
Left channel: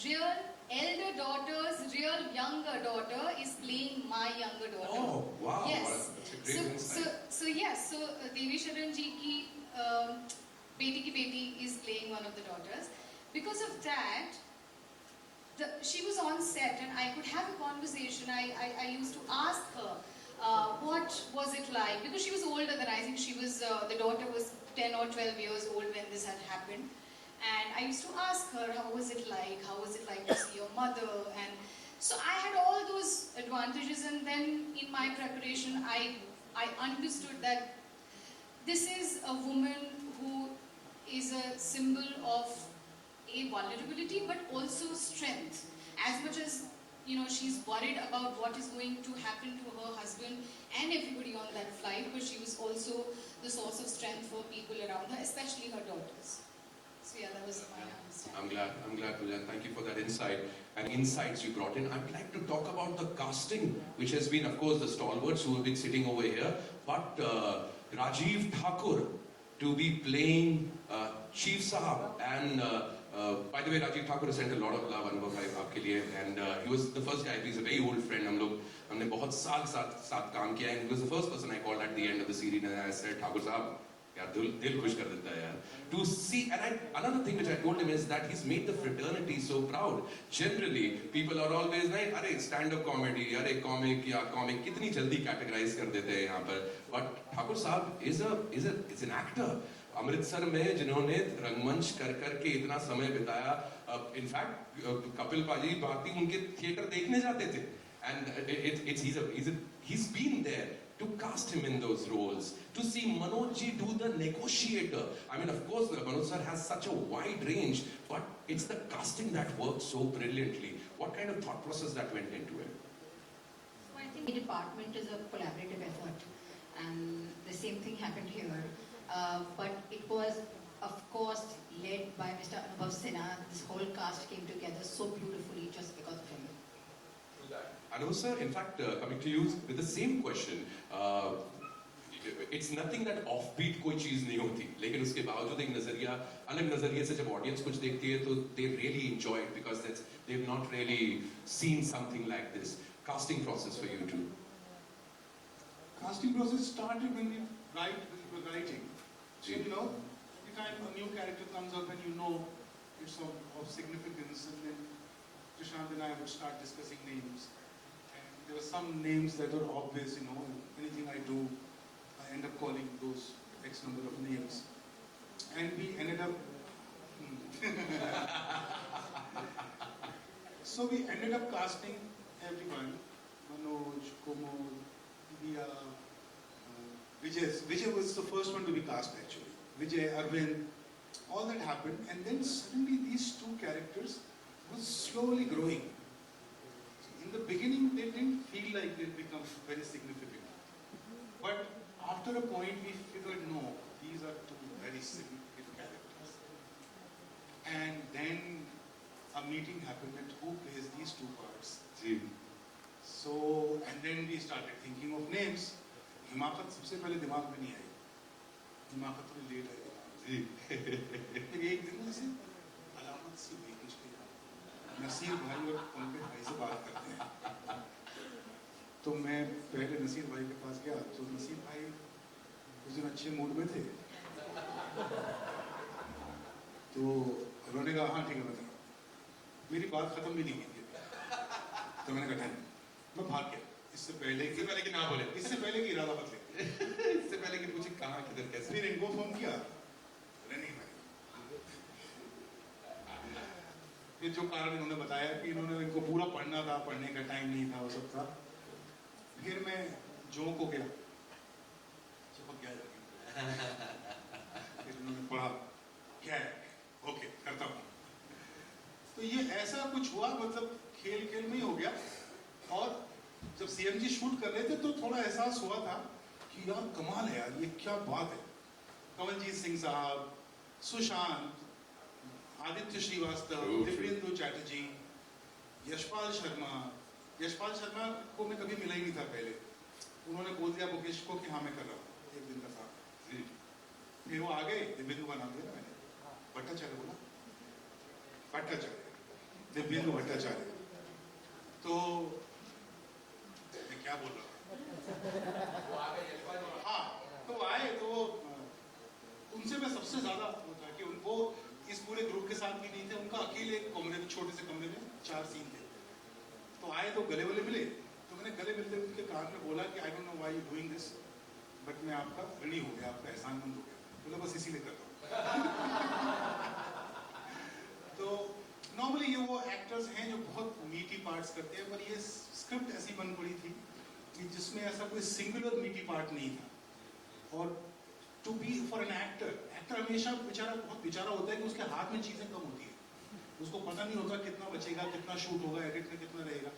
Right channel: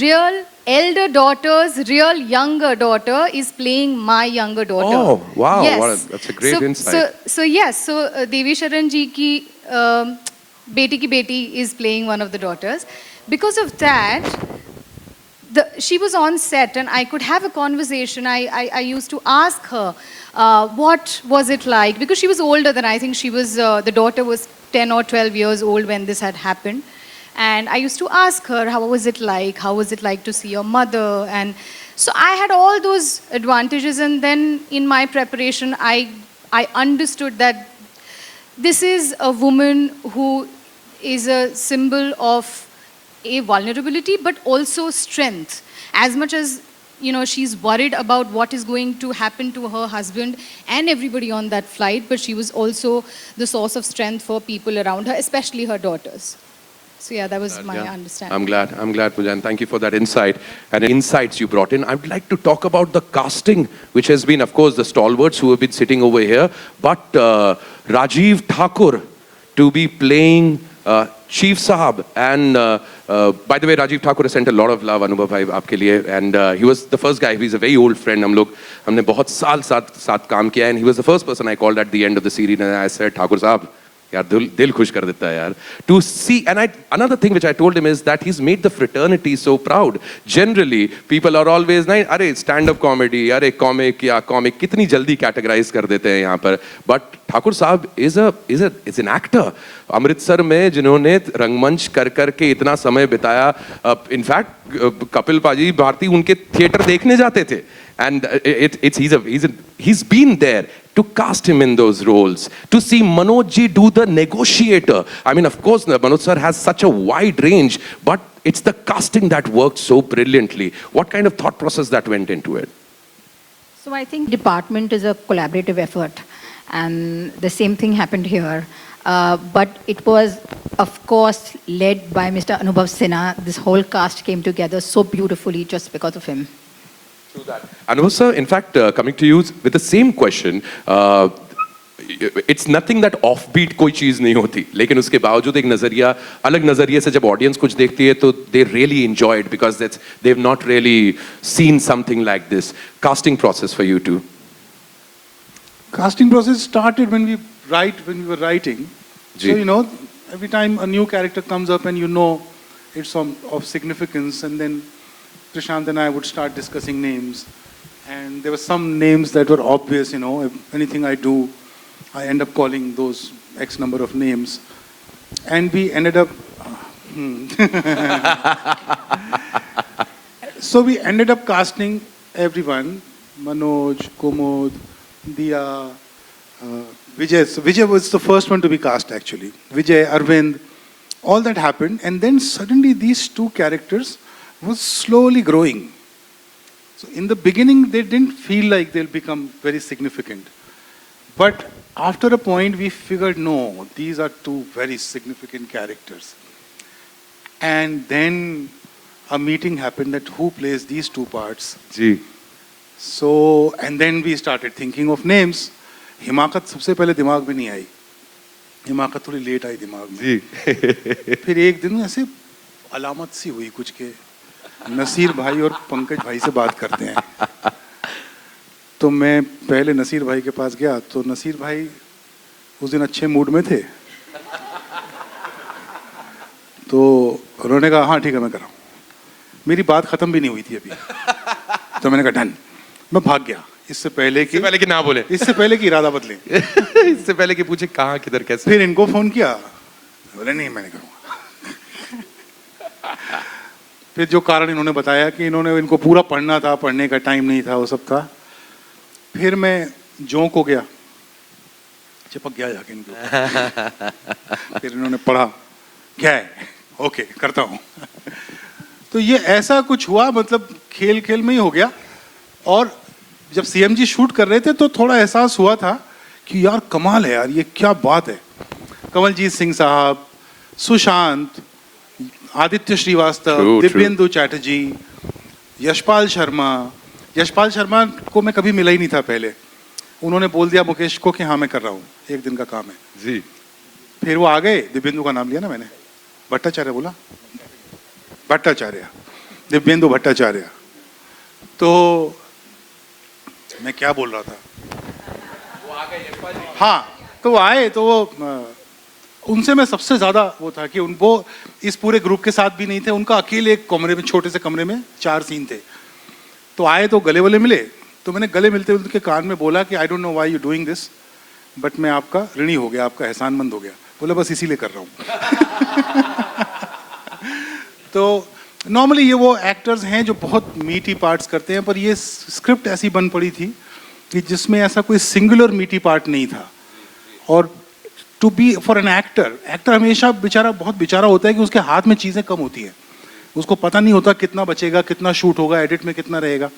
real elder daughter's real younger daughter is playing my younger daughter. Oh, wow, yes. that's a great insight. So Devi Sharan ji ki Beti Ki Beti is playing one of the daughters. Because of that, she was on set and I could have a conversation. I used to ask her, what was it like? Because she was older than I think she was, the daughter was 10 or 12 years old when this had happened. And I used to ask her, how was it like? How was it like to see your mother? And so I had all those advantages. And then in my preparation, I understood that this is a woman who is a symbol of a vulnerability, but also strength. As much as, she's worried about what is going to happen to her husband and everybody on that flight, but she was also the source of strength for people around her, especially her daughters. So yeah, that was my understanding. I'm glad, Pooja, and thank you for that insight and insights you brought in. I'd like to talk about the casting, which has been, of course, the stalwarts who have been sitting over here, but Rajiv Thakur to be playing Chief Sahab, and by the way, Rajiv Thakur has sent a lot of love, Anubhav bhai, आपके लिए, and he was the first guy. He's a very old friend. हमने बहुत साल साथ काम किया, and he was the first person I called at the end of the series, and I said, Thakur Sahab, यार दिल खुश कर देता है यार. To see, and another thing which I told him is that he's made the fraternity so proud. Generally, people are always नहीं, अरे stand-up comedy, अरे comic या comic, कितनी जल्दी categorize कर देते हैं यहाँ पर. But ठाकुर साहब is an actor. अमृतसर में जिन्होंने रंगमंच कर के इतना समय बिताया, इनफैक्ट कपिल पाजी भारती उनके थिएटर देखने जाते थे. And he's been there to cast him in those roles, to see Manoj ji do the negotiator. I mean, of course, Manoj sir has such a wide range, but it's the casting that worked so brilliantly. What kind of thought process that went into it? So I think department is a collaborative effort, and the same thing happened here. But it was, of course, led by Mr. Anubhav Sinha. This whole cast came together so beautifully just because of him. True that. Anubhav sir, in fact, coming to you with the same question, it's nothing that offbeat कोई चीज नहीं होती, लेकिन उसके बावजूद एक नजरिया, अलग नजरिए से जब ऑडियंस कुछ देखती है तो they really enjoy it because they've not really seen something like this. Casting process for you too. Casting process started when we were writing. So, you know, every time a new character comes up and you know it's of significance, and then Prashant and I would start discussing names. And there were some names that were obvious, you know, if anything I do, I end up calling those X number of names. And we ended up, so we ended up casting everyone, Manoj, Kumud, Diya, Vijay. So Vijay was the first one to be cast actually. Vijay, Arvind, all that happened. And then suddenly these two characters were slowly growing. So in the beginning, they didn't feel like they'll become very significant. But after a point, we figured, no, these are two very significant characters. And then a meeting happened that who plays these two parts. So, and then we started thinking of names. हिमाकत सबसे पहले दिमाग में नहीं आई. हिमाकत थोड़ी late आई दिमाग में. फिर एक दिन ऐसे अलामत सी हुई कुछ के नसीर भाई और पंकज भाई से बात करते हैं. तो मैं पहले नसीर भाई के पास गया, तो नसीर भाई उस दिन अच्छे मूड में थे. तो उन्होंने कहा हाँ ठीक है मैं कर रहा हूँ. मेरी बात खत्म भी नहीं हुई थी अभी. तो मैंने कहा डन. मैं भाग गया इससे पहले कि ना बोले, इससे पहले कि इरादा बदले. इससे पहले कि पूछे कहाँ किधर कैसे. फिर इनको फोन किया, बोले नहीं मैं नहीं करूँगा. फिर जो कारण इन्होंने बताया कि इनको पूरा पढ़ना था, पढ़ने का टाइम नहीं था, वो सब था. फिर मैं जोंक हो गया, चिपक गया जाके इनको. फिर इन्होंने पढ़ा, क्या है, ओके करता हूँ. तो ये ऐसा कुछ हुआ, मतलब खेल खेल में ही हो गया. और जब सीएमजी शूट कर रहे थे तो थोड़ा एहसास हुआ था कि यार कमाल है यार, ये क्या बात है. कमलजीत सिंह साहब, सुशांत, आदित्य श्रीवास्तव, दिव्येंदु चैटर्जी, यशपाल शर्मा. यशपाल शर्मा को मैं कभी मिला ही नहीं था पहले. उन्होंने बोल दिया मुकेश को कि हाँ मैं कर रहा हूँ, एक दिन का काम है. जी. फिर वो आ गए. दिव्येंदु का नाम लिया ना मैंने, भट्टाचार्य बोला, भट्टाचार्य, दिव्येंदु भट्टाचार्य. तो मैं क्या बोल रहा था. हाँ, तो वो आए, तो वो उनसे मैं सबसे ज्यादा वो था कि उनको इस पूरे ग्रुप के साथ भी नहीं थे. उनका अकेले एक कमरे में, छोटे से कमरे में 4 सीन थे. तो आए तो गले वाले मिले. तो मैंने गले मिलते हुए उनके कान में बोला कि I don't know why you doing this, but मैं आपका ऋणी हो गया, आपका एहसानमंद हो गया. बोला बस इसीलिए कर रहा हूँ. तो नॉर्मली ये वो एक्टर्स हैं जो बहुत मीठी पार्ट्स करते हैं, पर ये स्क्रिप्ट ऐसी बन पड़ी थी कि जिसमें ऐसा कोई सिंगुलर मीठी पार्ट नहीं था. और to be for an actor हमेशा बेचारा, बहुत बेचारा होता है कि उसके हाथ में चीज़ें कम होती हैं. उसको पता नहीं होता कितना बचेगा, कितना शूट होगा, एडिट में कितना रहेगा.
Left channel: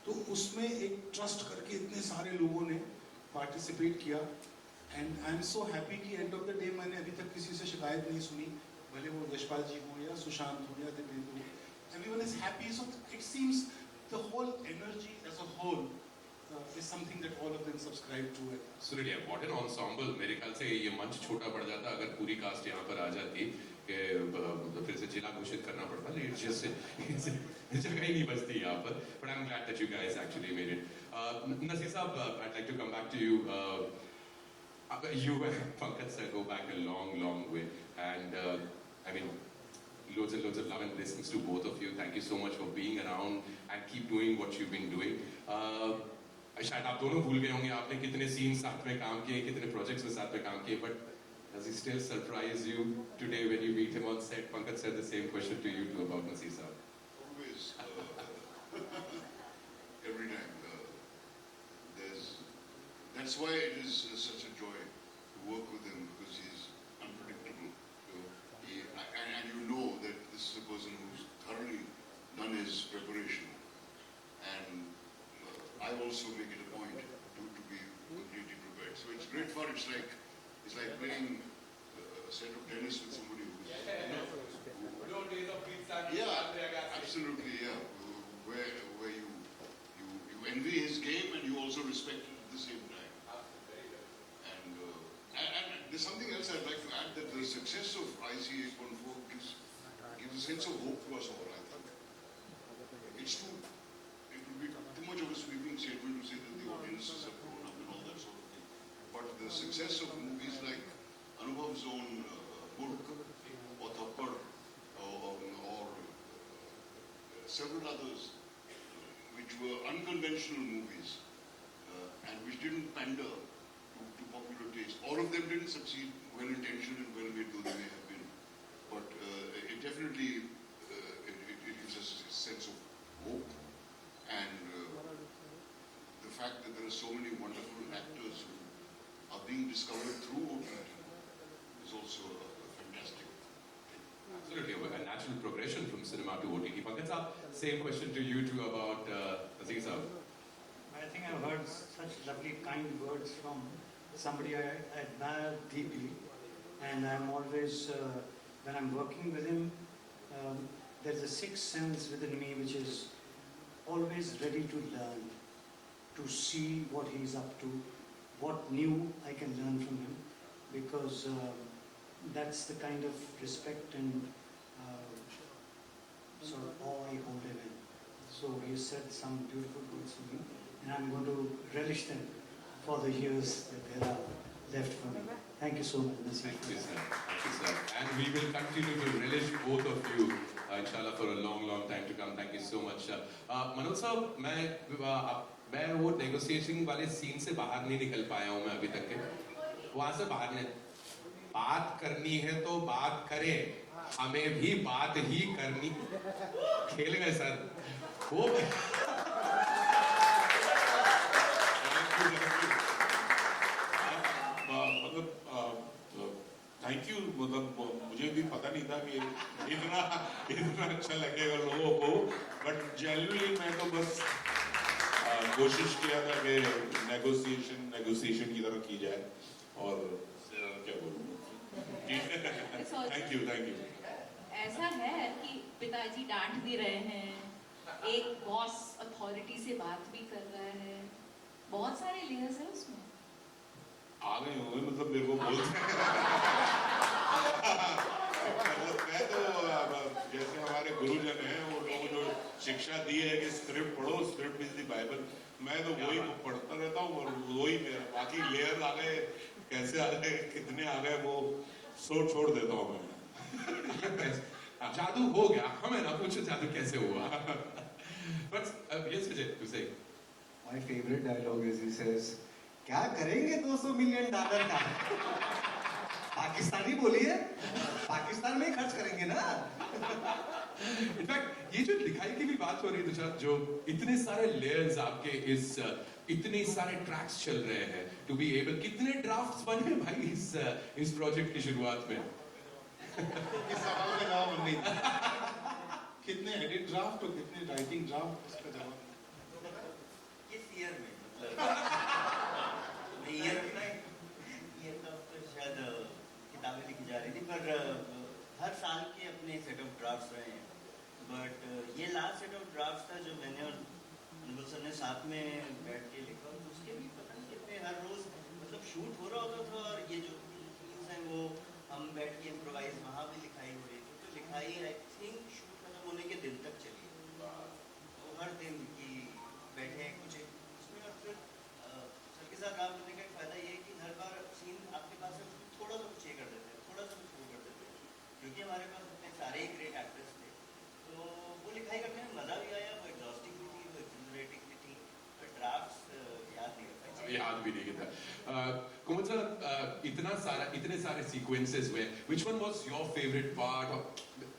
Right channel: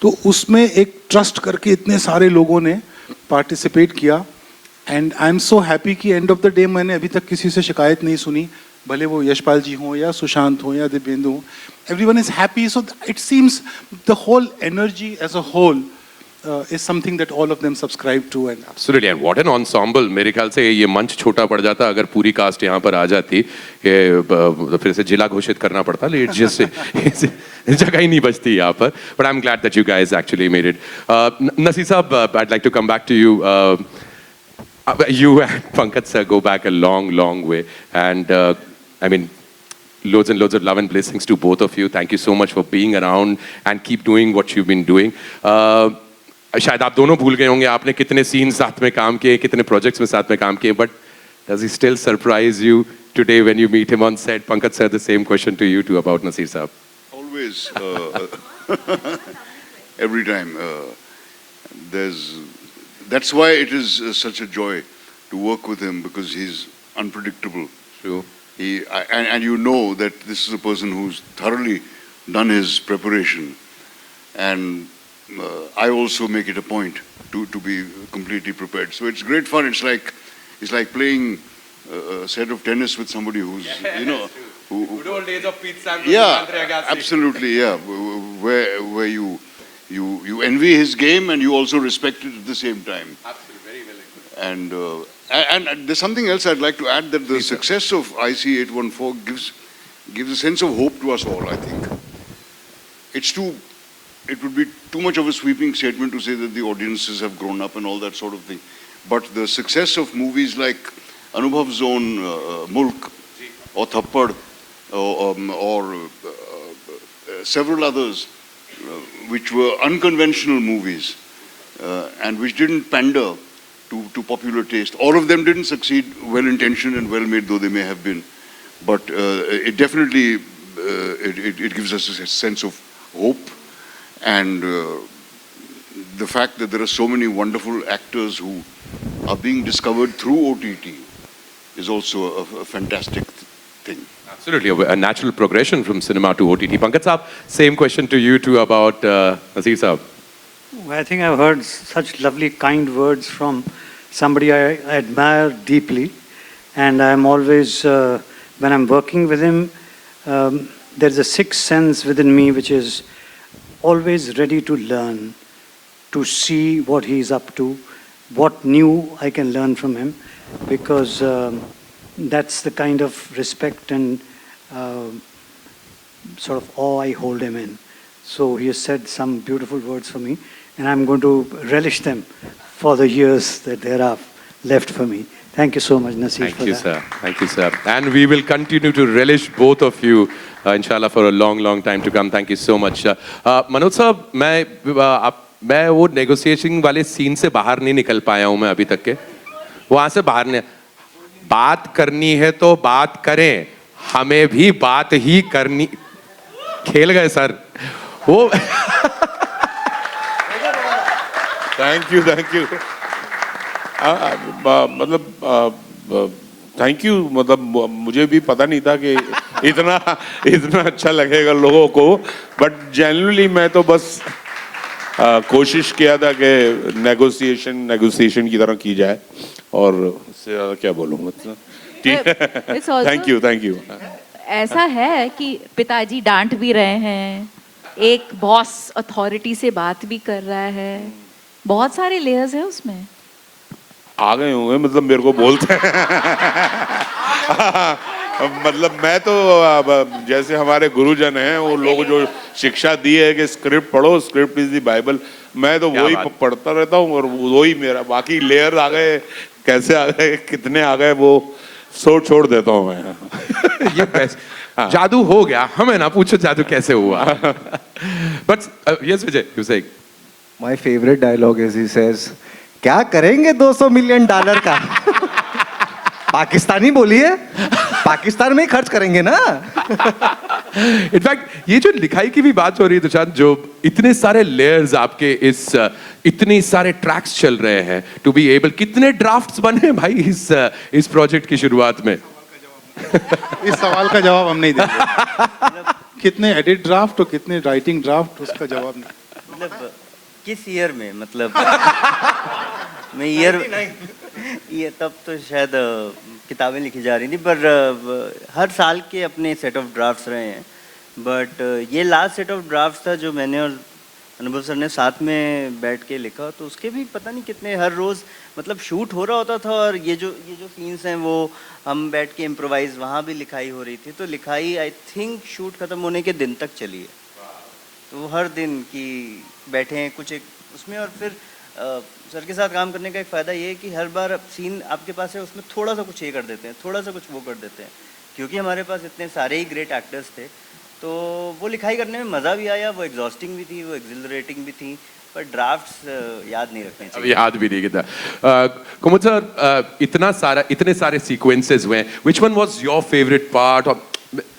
तो उसमें एक ट्रस्ट करके इतने सारे लोगों ने पार्टिसिपेट किया. And I am so happy कि एंड ऑफ द डे मैंने अभी तक किसी से शिकायत नहीं सुनी, भले वो यशपाल जी हों या सुशांत हों या दिव्येंदु हों. Everyone is happy. So it seems the whole energy as a whole is something that all of them subscribe to. And Absolutely, and what an ensemble. मेरे ख्याल से ये मंच छोटा पड़ जाता अगर पूरी कास्ट यहाँ पर आ जाती कि फिर से जिला घोषित करना पड़ता, लेकिन जिससे जगह ही नहीं बचती यहाँ पर. But I'm glad that you guys actually made it. Naseer साहब, I'd like to come back to you. You and Pankaj sir go back a long, long way, and I mean, loads and loads of love and blessings to both of you. Thank you so much for being around and keep doing what you've been doing. शायद आप दोनों भूल गए होंगे आपने कितने scene साथ में काम किए, कितने प्रोजेक्ट्स में साथ में काम किए, but does he still surprise you today when you meet him on set? Pankaj sir, the same question to you too about Naseer saab. Always, every time. That's why it is such a joy to work with him, because he's unpredictable. True. And you know that this is a person who's thoroughly done his preparation. And I also make it a point to be completely prepared. So it's great fun. It's like playing a set of tennis with somebody who's, you know, Good old days of Pete Sampras. yeah, absolutely, yeah. Where you envy his game and you also respect it at the same time. Absolutely, very well. And there's something else I'd like to add, that the success of IC814 gives a sense of hope to us all, I think. It would be too much of a sweeping statement to say that the audiences have grown up and all that sort of thing. But the success of movies like Anubhav's own Mulk or Thappad or several others, which were unconventional movies and which didn't pander to popular taste. All of them didn't succeed, well-intentioned and well-made though they may have been. But it definitely, it gives us a sense of hope. And the fact that there are so many wonderful actors who are being discovered through OTT is also a fantastic thing. Absolutely, a natural progression from cinema to OTT. Pankaj saab, same question to you too about Naseer saab. I think I've heard such lovely, kind words from somebody I admire deeply. And I'm always, when I'm working with him, there's a sixth sense within me which is always ready to learn, to see what he's up to, what new I can learn from him, because that's the kind of respect and sort of awe I hold him in. So he has said some beautiful words for me, and I'm going to relish them for the years that there are left for me. Thank you so much, Naseer, for that. Thank you, sir. Thank you, sir. And we will continue to relish both of you, inshallah, for a long, long time to come. Thank you so much. Manoj साहब, मैं वो negotiation वाले scene से बाहर नहीं निकल पाया हूँ मैं अभी तक के. वहाँ से बाहर नहीं. बात करनी है तो बात करें. हमें भी बात ही करनी. खेल गए सर. वो. Thank you. मतलब थैंक यू, मतलब मुझे भी पता नहीं था कि इतना अच्छा लगेगा लोगों को, बट जेन्युइनली मैं तो बस कोशिश किया था कि नेगोशिएशन की तरह की जाए, और इससे ज़्यादा क्या बोलूँ मतलब. Thank you. ऐसा है कि पिताजी डांट भी रहे हैं, एक बॉस अथॉरिटी से बात भी कर रहा है, बहुत सारे लेयर्स हैं उसमें. आ गए होंगे, मतलब मेरे को बोलते हैं. मतलब मैं तो जैसे हमारे गुरुजन हैं, वो लोग जो शिक्षा दी है कि स्क्रिप्ट पढ़ो, स्क्रिप्ट इज द बाइबल, मैं तो वही पढ़ता रहता हूँ, और वही मेरा. बाकी लेयर आ गए, कैसे आ गए, कितने आ गए, वो छोड़ देता हूँ मैं. ये जादू हो गया, हमें ना पूछो जादू कैसे हुआ. But yes, Vijay, you saying? My favorite dialogue is he says, क्या करेंगे $200 मिलियन का? पाकिस्तानी बोलिए, पाकिस्तान में ही खर्च करेंगे ना. इनफैक्ट ये जो लिखाई की भी बात हो रही है तुषार, जो इतने सारे लेयर्स आपके इतने सारे ट्रैक्स चल रहे हैं, टू बी एबल, कितने ड्राफ्ट्स बने भाई इस प्रोजेक्ट की शुरुआत में? इस सवाल का जवाब हम नहीं देंगे. कितने एडिट ड्राफ्ट और कितने राइटिंग ड्राफ्ट, उसका जवाब नहीं. मतलब किस ईयर में, मतलब मैं ये तब तो शायद किताबें लिखी जा रही थी, पर हर साल के अपने सेट ऑफ ड्राफ्ट्स रहे हैं. बट ये लास्ट सेट ऑफ ड्राफ्ट्स था जो मैंने और अनुभव सर ने साथ में बैठ के लिखा, तो उसके भी पता नहीं कितने, हर रोज़ मतलब शूट हो रहा होता था, और ये जो सीन्स हैं वो हम बैठ के इम्प्रोवाइज, वहाँ भी लिखाई हो रही थी। तो लिखाई आई थिंक शूट ख़त्म होने के दिन तक चली है। तो हर दिन की बैठे हैं कुछ एक उसमें, और फिर सर के साथ काम करने का एक फ़ायदा ये है कि हर बार सीन आपके पास है, उसमें थोड़ा सा कुछ ये कर देते हैं, थोड़ा सा कुछ वो कर देते हैं, क्योंकि हमारे पास इतने सारे ही ग्रेट एक्टर्स थे। तो वो लिखाई करने में मज़ा भी आया, वो एग्जॉस्टिंग भी थी, वो एक्सिलरेटिंग भी थी, पर ड्राफ्ट्स याद नहीं रखने अब चाहिए। याद भी नहीं किया। कुमुद सर, इतने सारे सीक्वेंसेस हुए, which one was your favourite part? और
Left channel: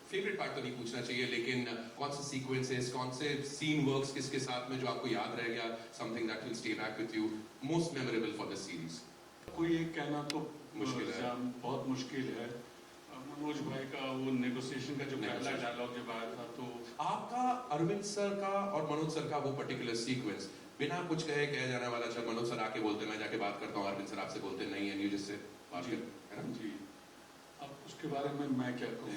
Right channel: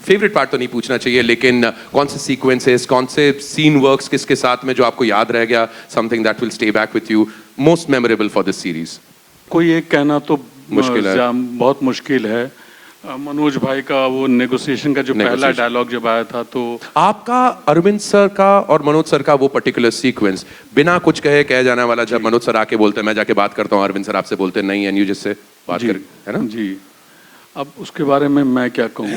फेवरेट पार्ट तो नहीं पूछना चाहिए, लेकिन कौन से सीक्वेंसेस, कौन से सीन वर्क्स किसके साथ में जो आपको याद रह गया, something that will stay back with you, most memorable for this series? कोई एक कहना तो मुश्किल है। बहुत मुश्किल है। मनोज भाई का वो नेगोशिएशन का जो पहला डायलॉग जब आया था, तो आपका अरविंद सर का और मनोज सर का वो पर्टिकुलर सीक्वेंस, बिना कुछ कहे कह जाने वाला, जब मनोज सर आके बोलते हैं मैं जाके बात करता हूँ, अरविंद सर आपसे बोलते हैं नहीं, एंड यू जिससे बात कर, है ना? जी, अब उसके बारे में मैं क्या कहूँ।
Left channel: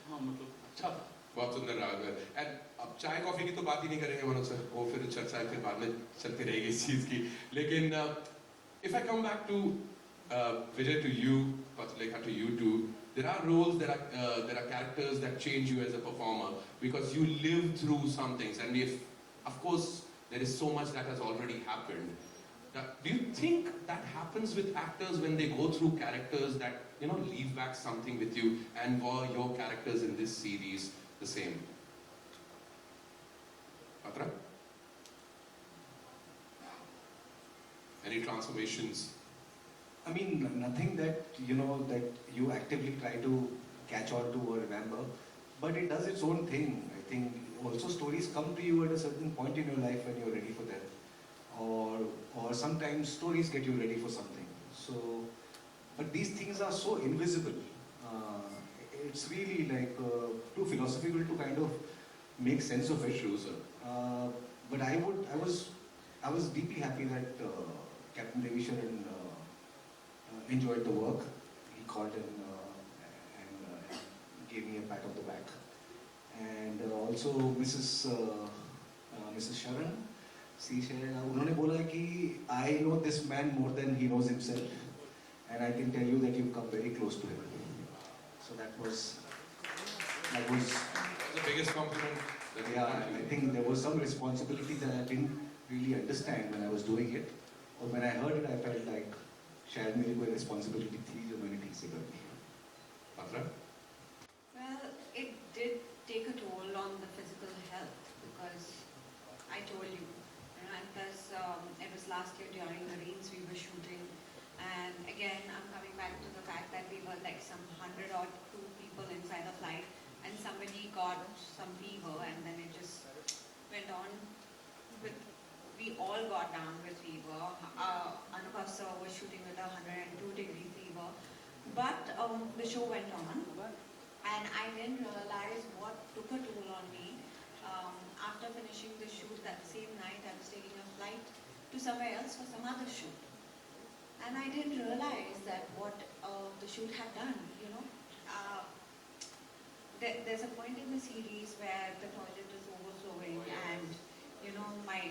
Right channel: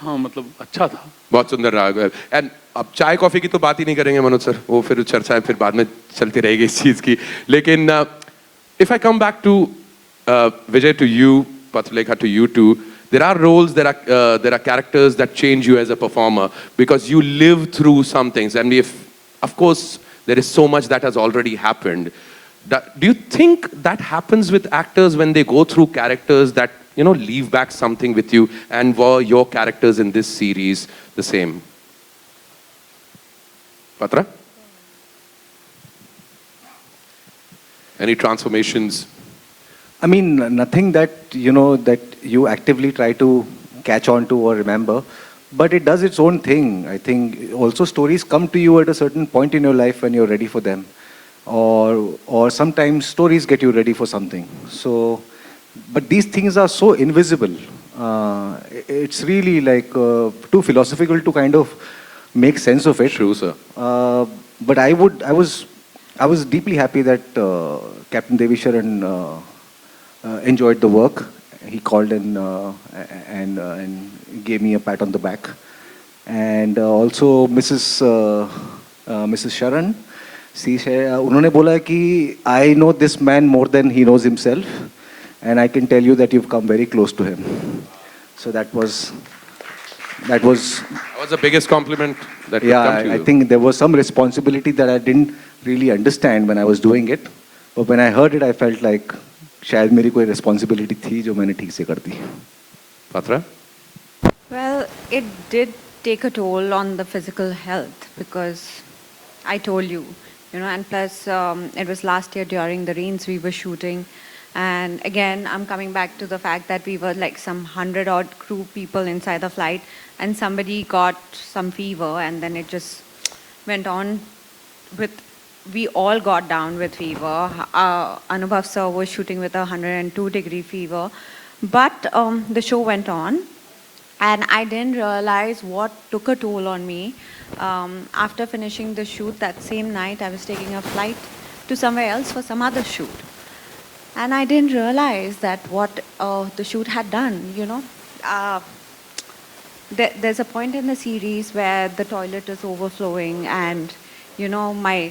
हाँ, मतलब अच्छा था, बहुत सुंदर रहा। एंड अब चाय कॉफी की तो बात ही नहीं करेंगे मनोज सर, वो फिर चर्चा फिर बाद में चलती रहेगी इस चीज की। लेकिन if I come back to Vijay, to you, Patulekha, to you too, there are roles, there are characters that change you as a performer because you live through some things, and if, of course, there is so much that has already happened. Do you think that happens with actors when they go through characters that, you know, leave back something with you, and were your characters in this series the same? Patra? Any transformations? I mean, nothing that, you know, that you actively try to catch on to or remember, but it does its own thing. I think also stories come to you at a certain point in your life when you're ready for them, or sometimes stories get you ready for something. So, but these things are so invisible. It's really like too philosophical to kind of make sense of it. True, sir. But I was deeply happy that Captain Devisharan enjoyed the work. He called and gave me a pat on the back, and also Mrs. Sharan. उन्होंने बोला कि I know this man more than he knows himself, and I can tell you that you've come very close to him. So that was the biggest compliment that could come to you. I think there was some responsibility that I didn't really understand when I was doing it, but when I heard it, I felt like शायद मेरी कोई responsibility थी जो मैंने ठीक से कर दी। Patra? Well, it did take a toll on the physical health because I told you, you know, and plus it was last year during the rains we were shooting. And again, I'm coming back to the fact that we were like some 100 odd crew people inside the flight, and somebody got some fever, and then it just went on with, we all got down with fever. Anubhav sir was shooting with a 102-degree fever. But the show went on, and I didn't realize what took a toll on me. After finishing the shoot that same night, I was taking a flight to somewhere else for some other shoot. And I didn't realize that what the shoot had done, you know. There's a point in the series where the toilet is overflowing, and, you know, my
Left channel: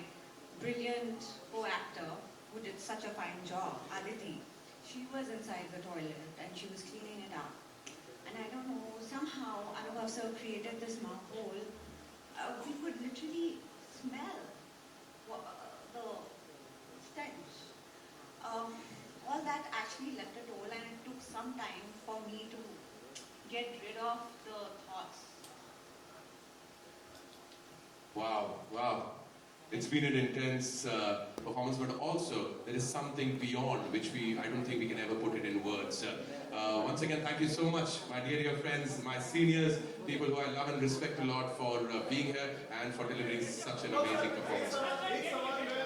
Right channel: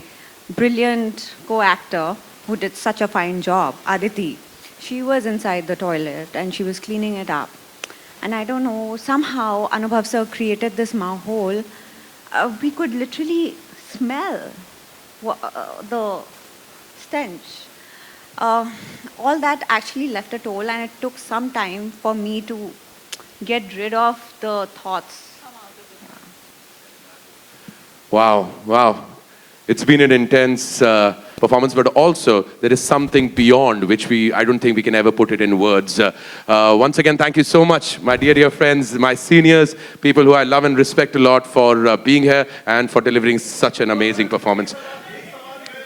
brilliant co-actor who did such a fine job, Aditi, she was inside the toilet and she was cleaning it up. And I don't know, somehow Anubhav sir created this mahol. We could literally smell the stench. All that actually left a toll, and it took some time for me to get rid of the thoughts. Wow, wow. It's been an intense performance, but also there is something beyond which I don't think we can ever put it in words. Once again, thank you so much, my dear friends, my seniors, people who I love and respect a lot, for being here and for delivering such an amazing performance.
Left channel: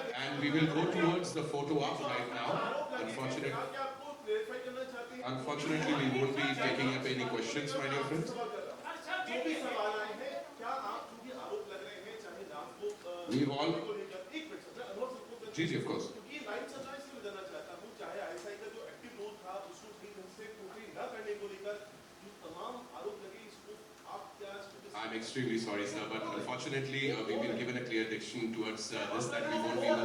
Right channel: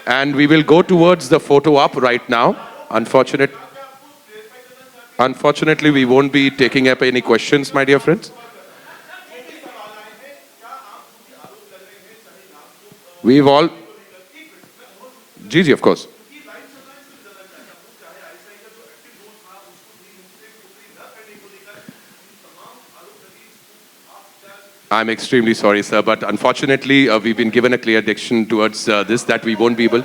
And we will go towards the photo op right now. Unfortunately, we won't be taking up any questions, my dear friends. We've all... Gigi, of course. I'm extremely sorry, sir, but unfortunately, we've been given a clear direction towards this that we won't be able.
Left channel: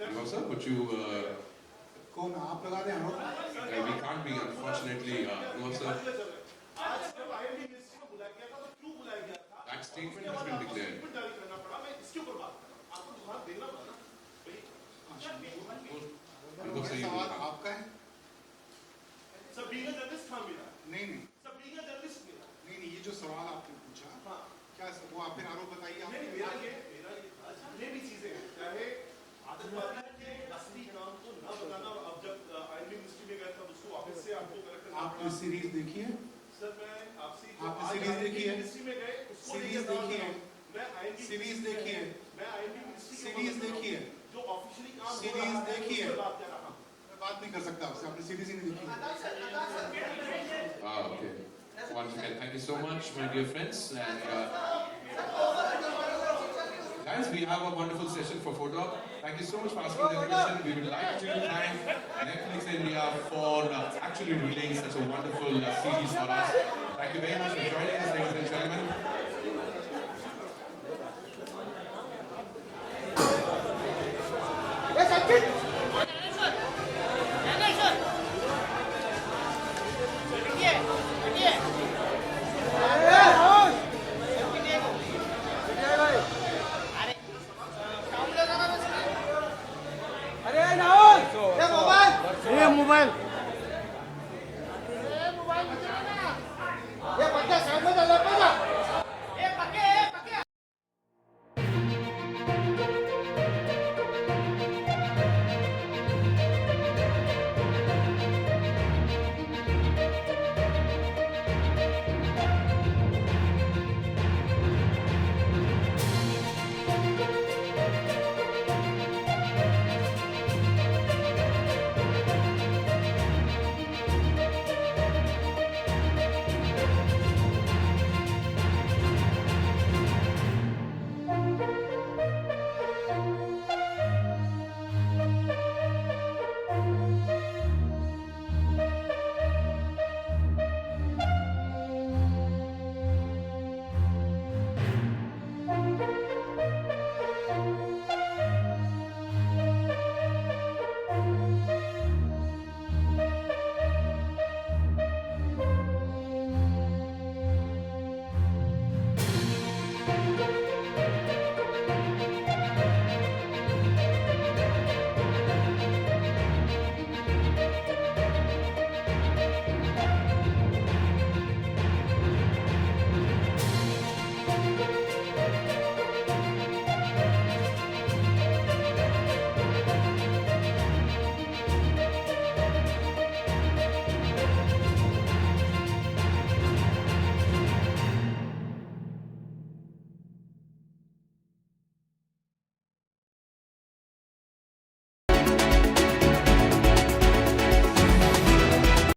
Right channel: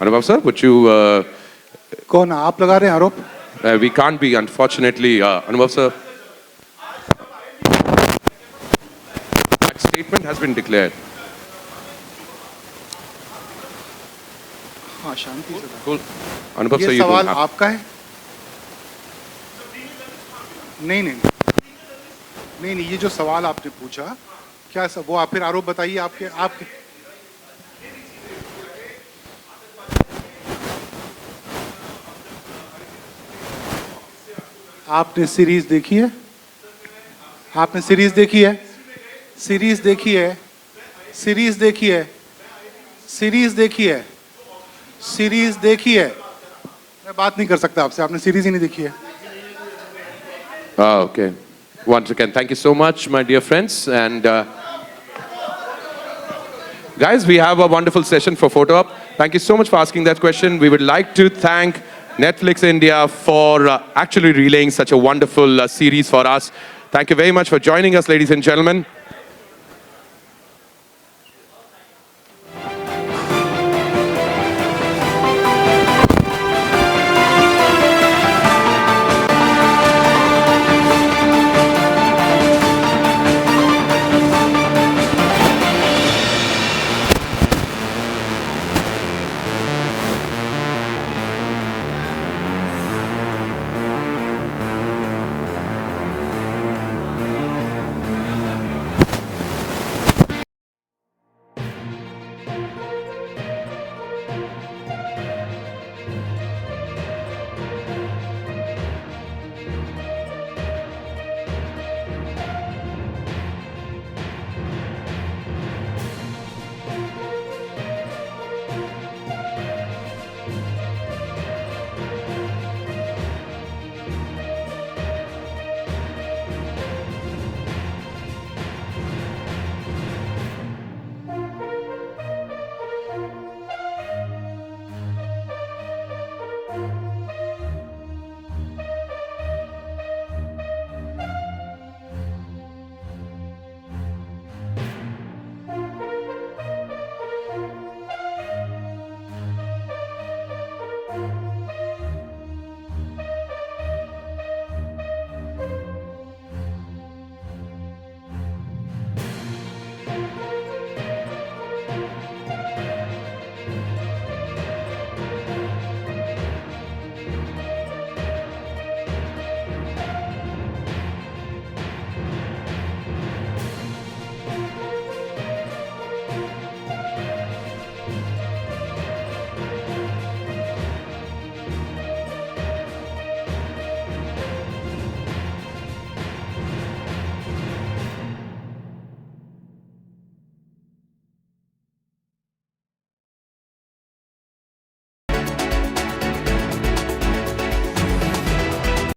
Anubhav, sir, would you? कौन आप लगा रहे हैं आरोप? We can't be, unfortunately, Anubhav, sir. That statement has been declared. हाँ शांति से। Cool. Anubhav, sir, ये you सवाल don't have. आपका है? नहीं नहीं नहीं नहीं, ये जो सवाल आपने पूछा क्या सब वो आप फिर आरोप बताइए आपके आपके आपने सीरीज देखी है? आपने सीरीज देखी है? सीरीज देखी है? सीरीज देखी है? सीरीज देखी है? सीरीज देखी है? मैं बात नहीं कर सकता आपसे, आपने सीरीज ही नहीं देखी है। Okay. Once again, thank you so much, my dear friends. And guys, we have a wonderful session for photo op. Thank you so much for asking that question. We would like to thank Netflix India for actually relaying such a wonderful series for us. Thank you very much for joining us, ladies and gentlemen.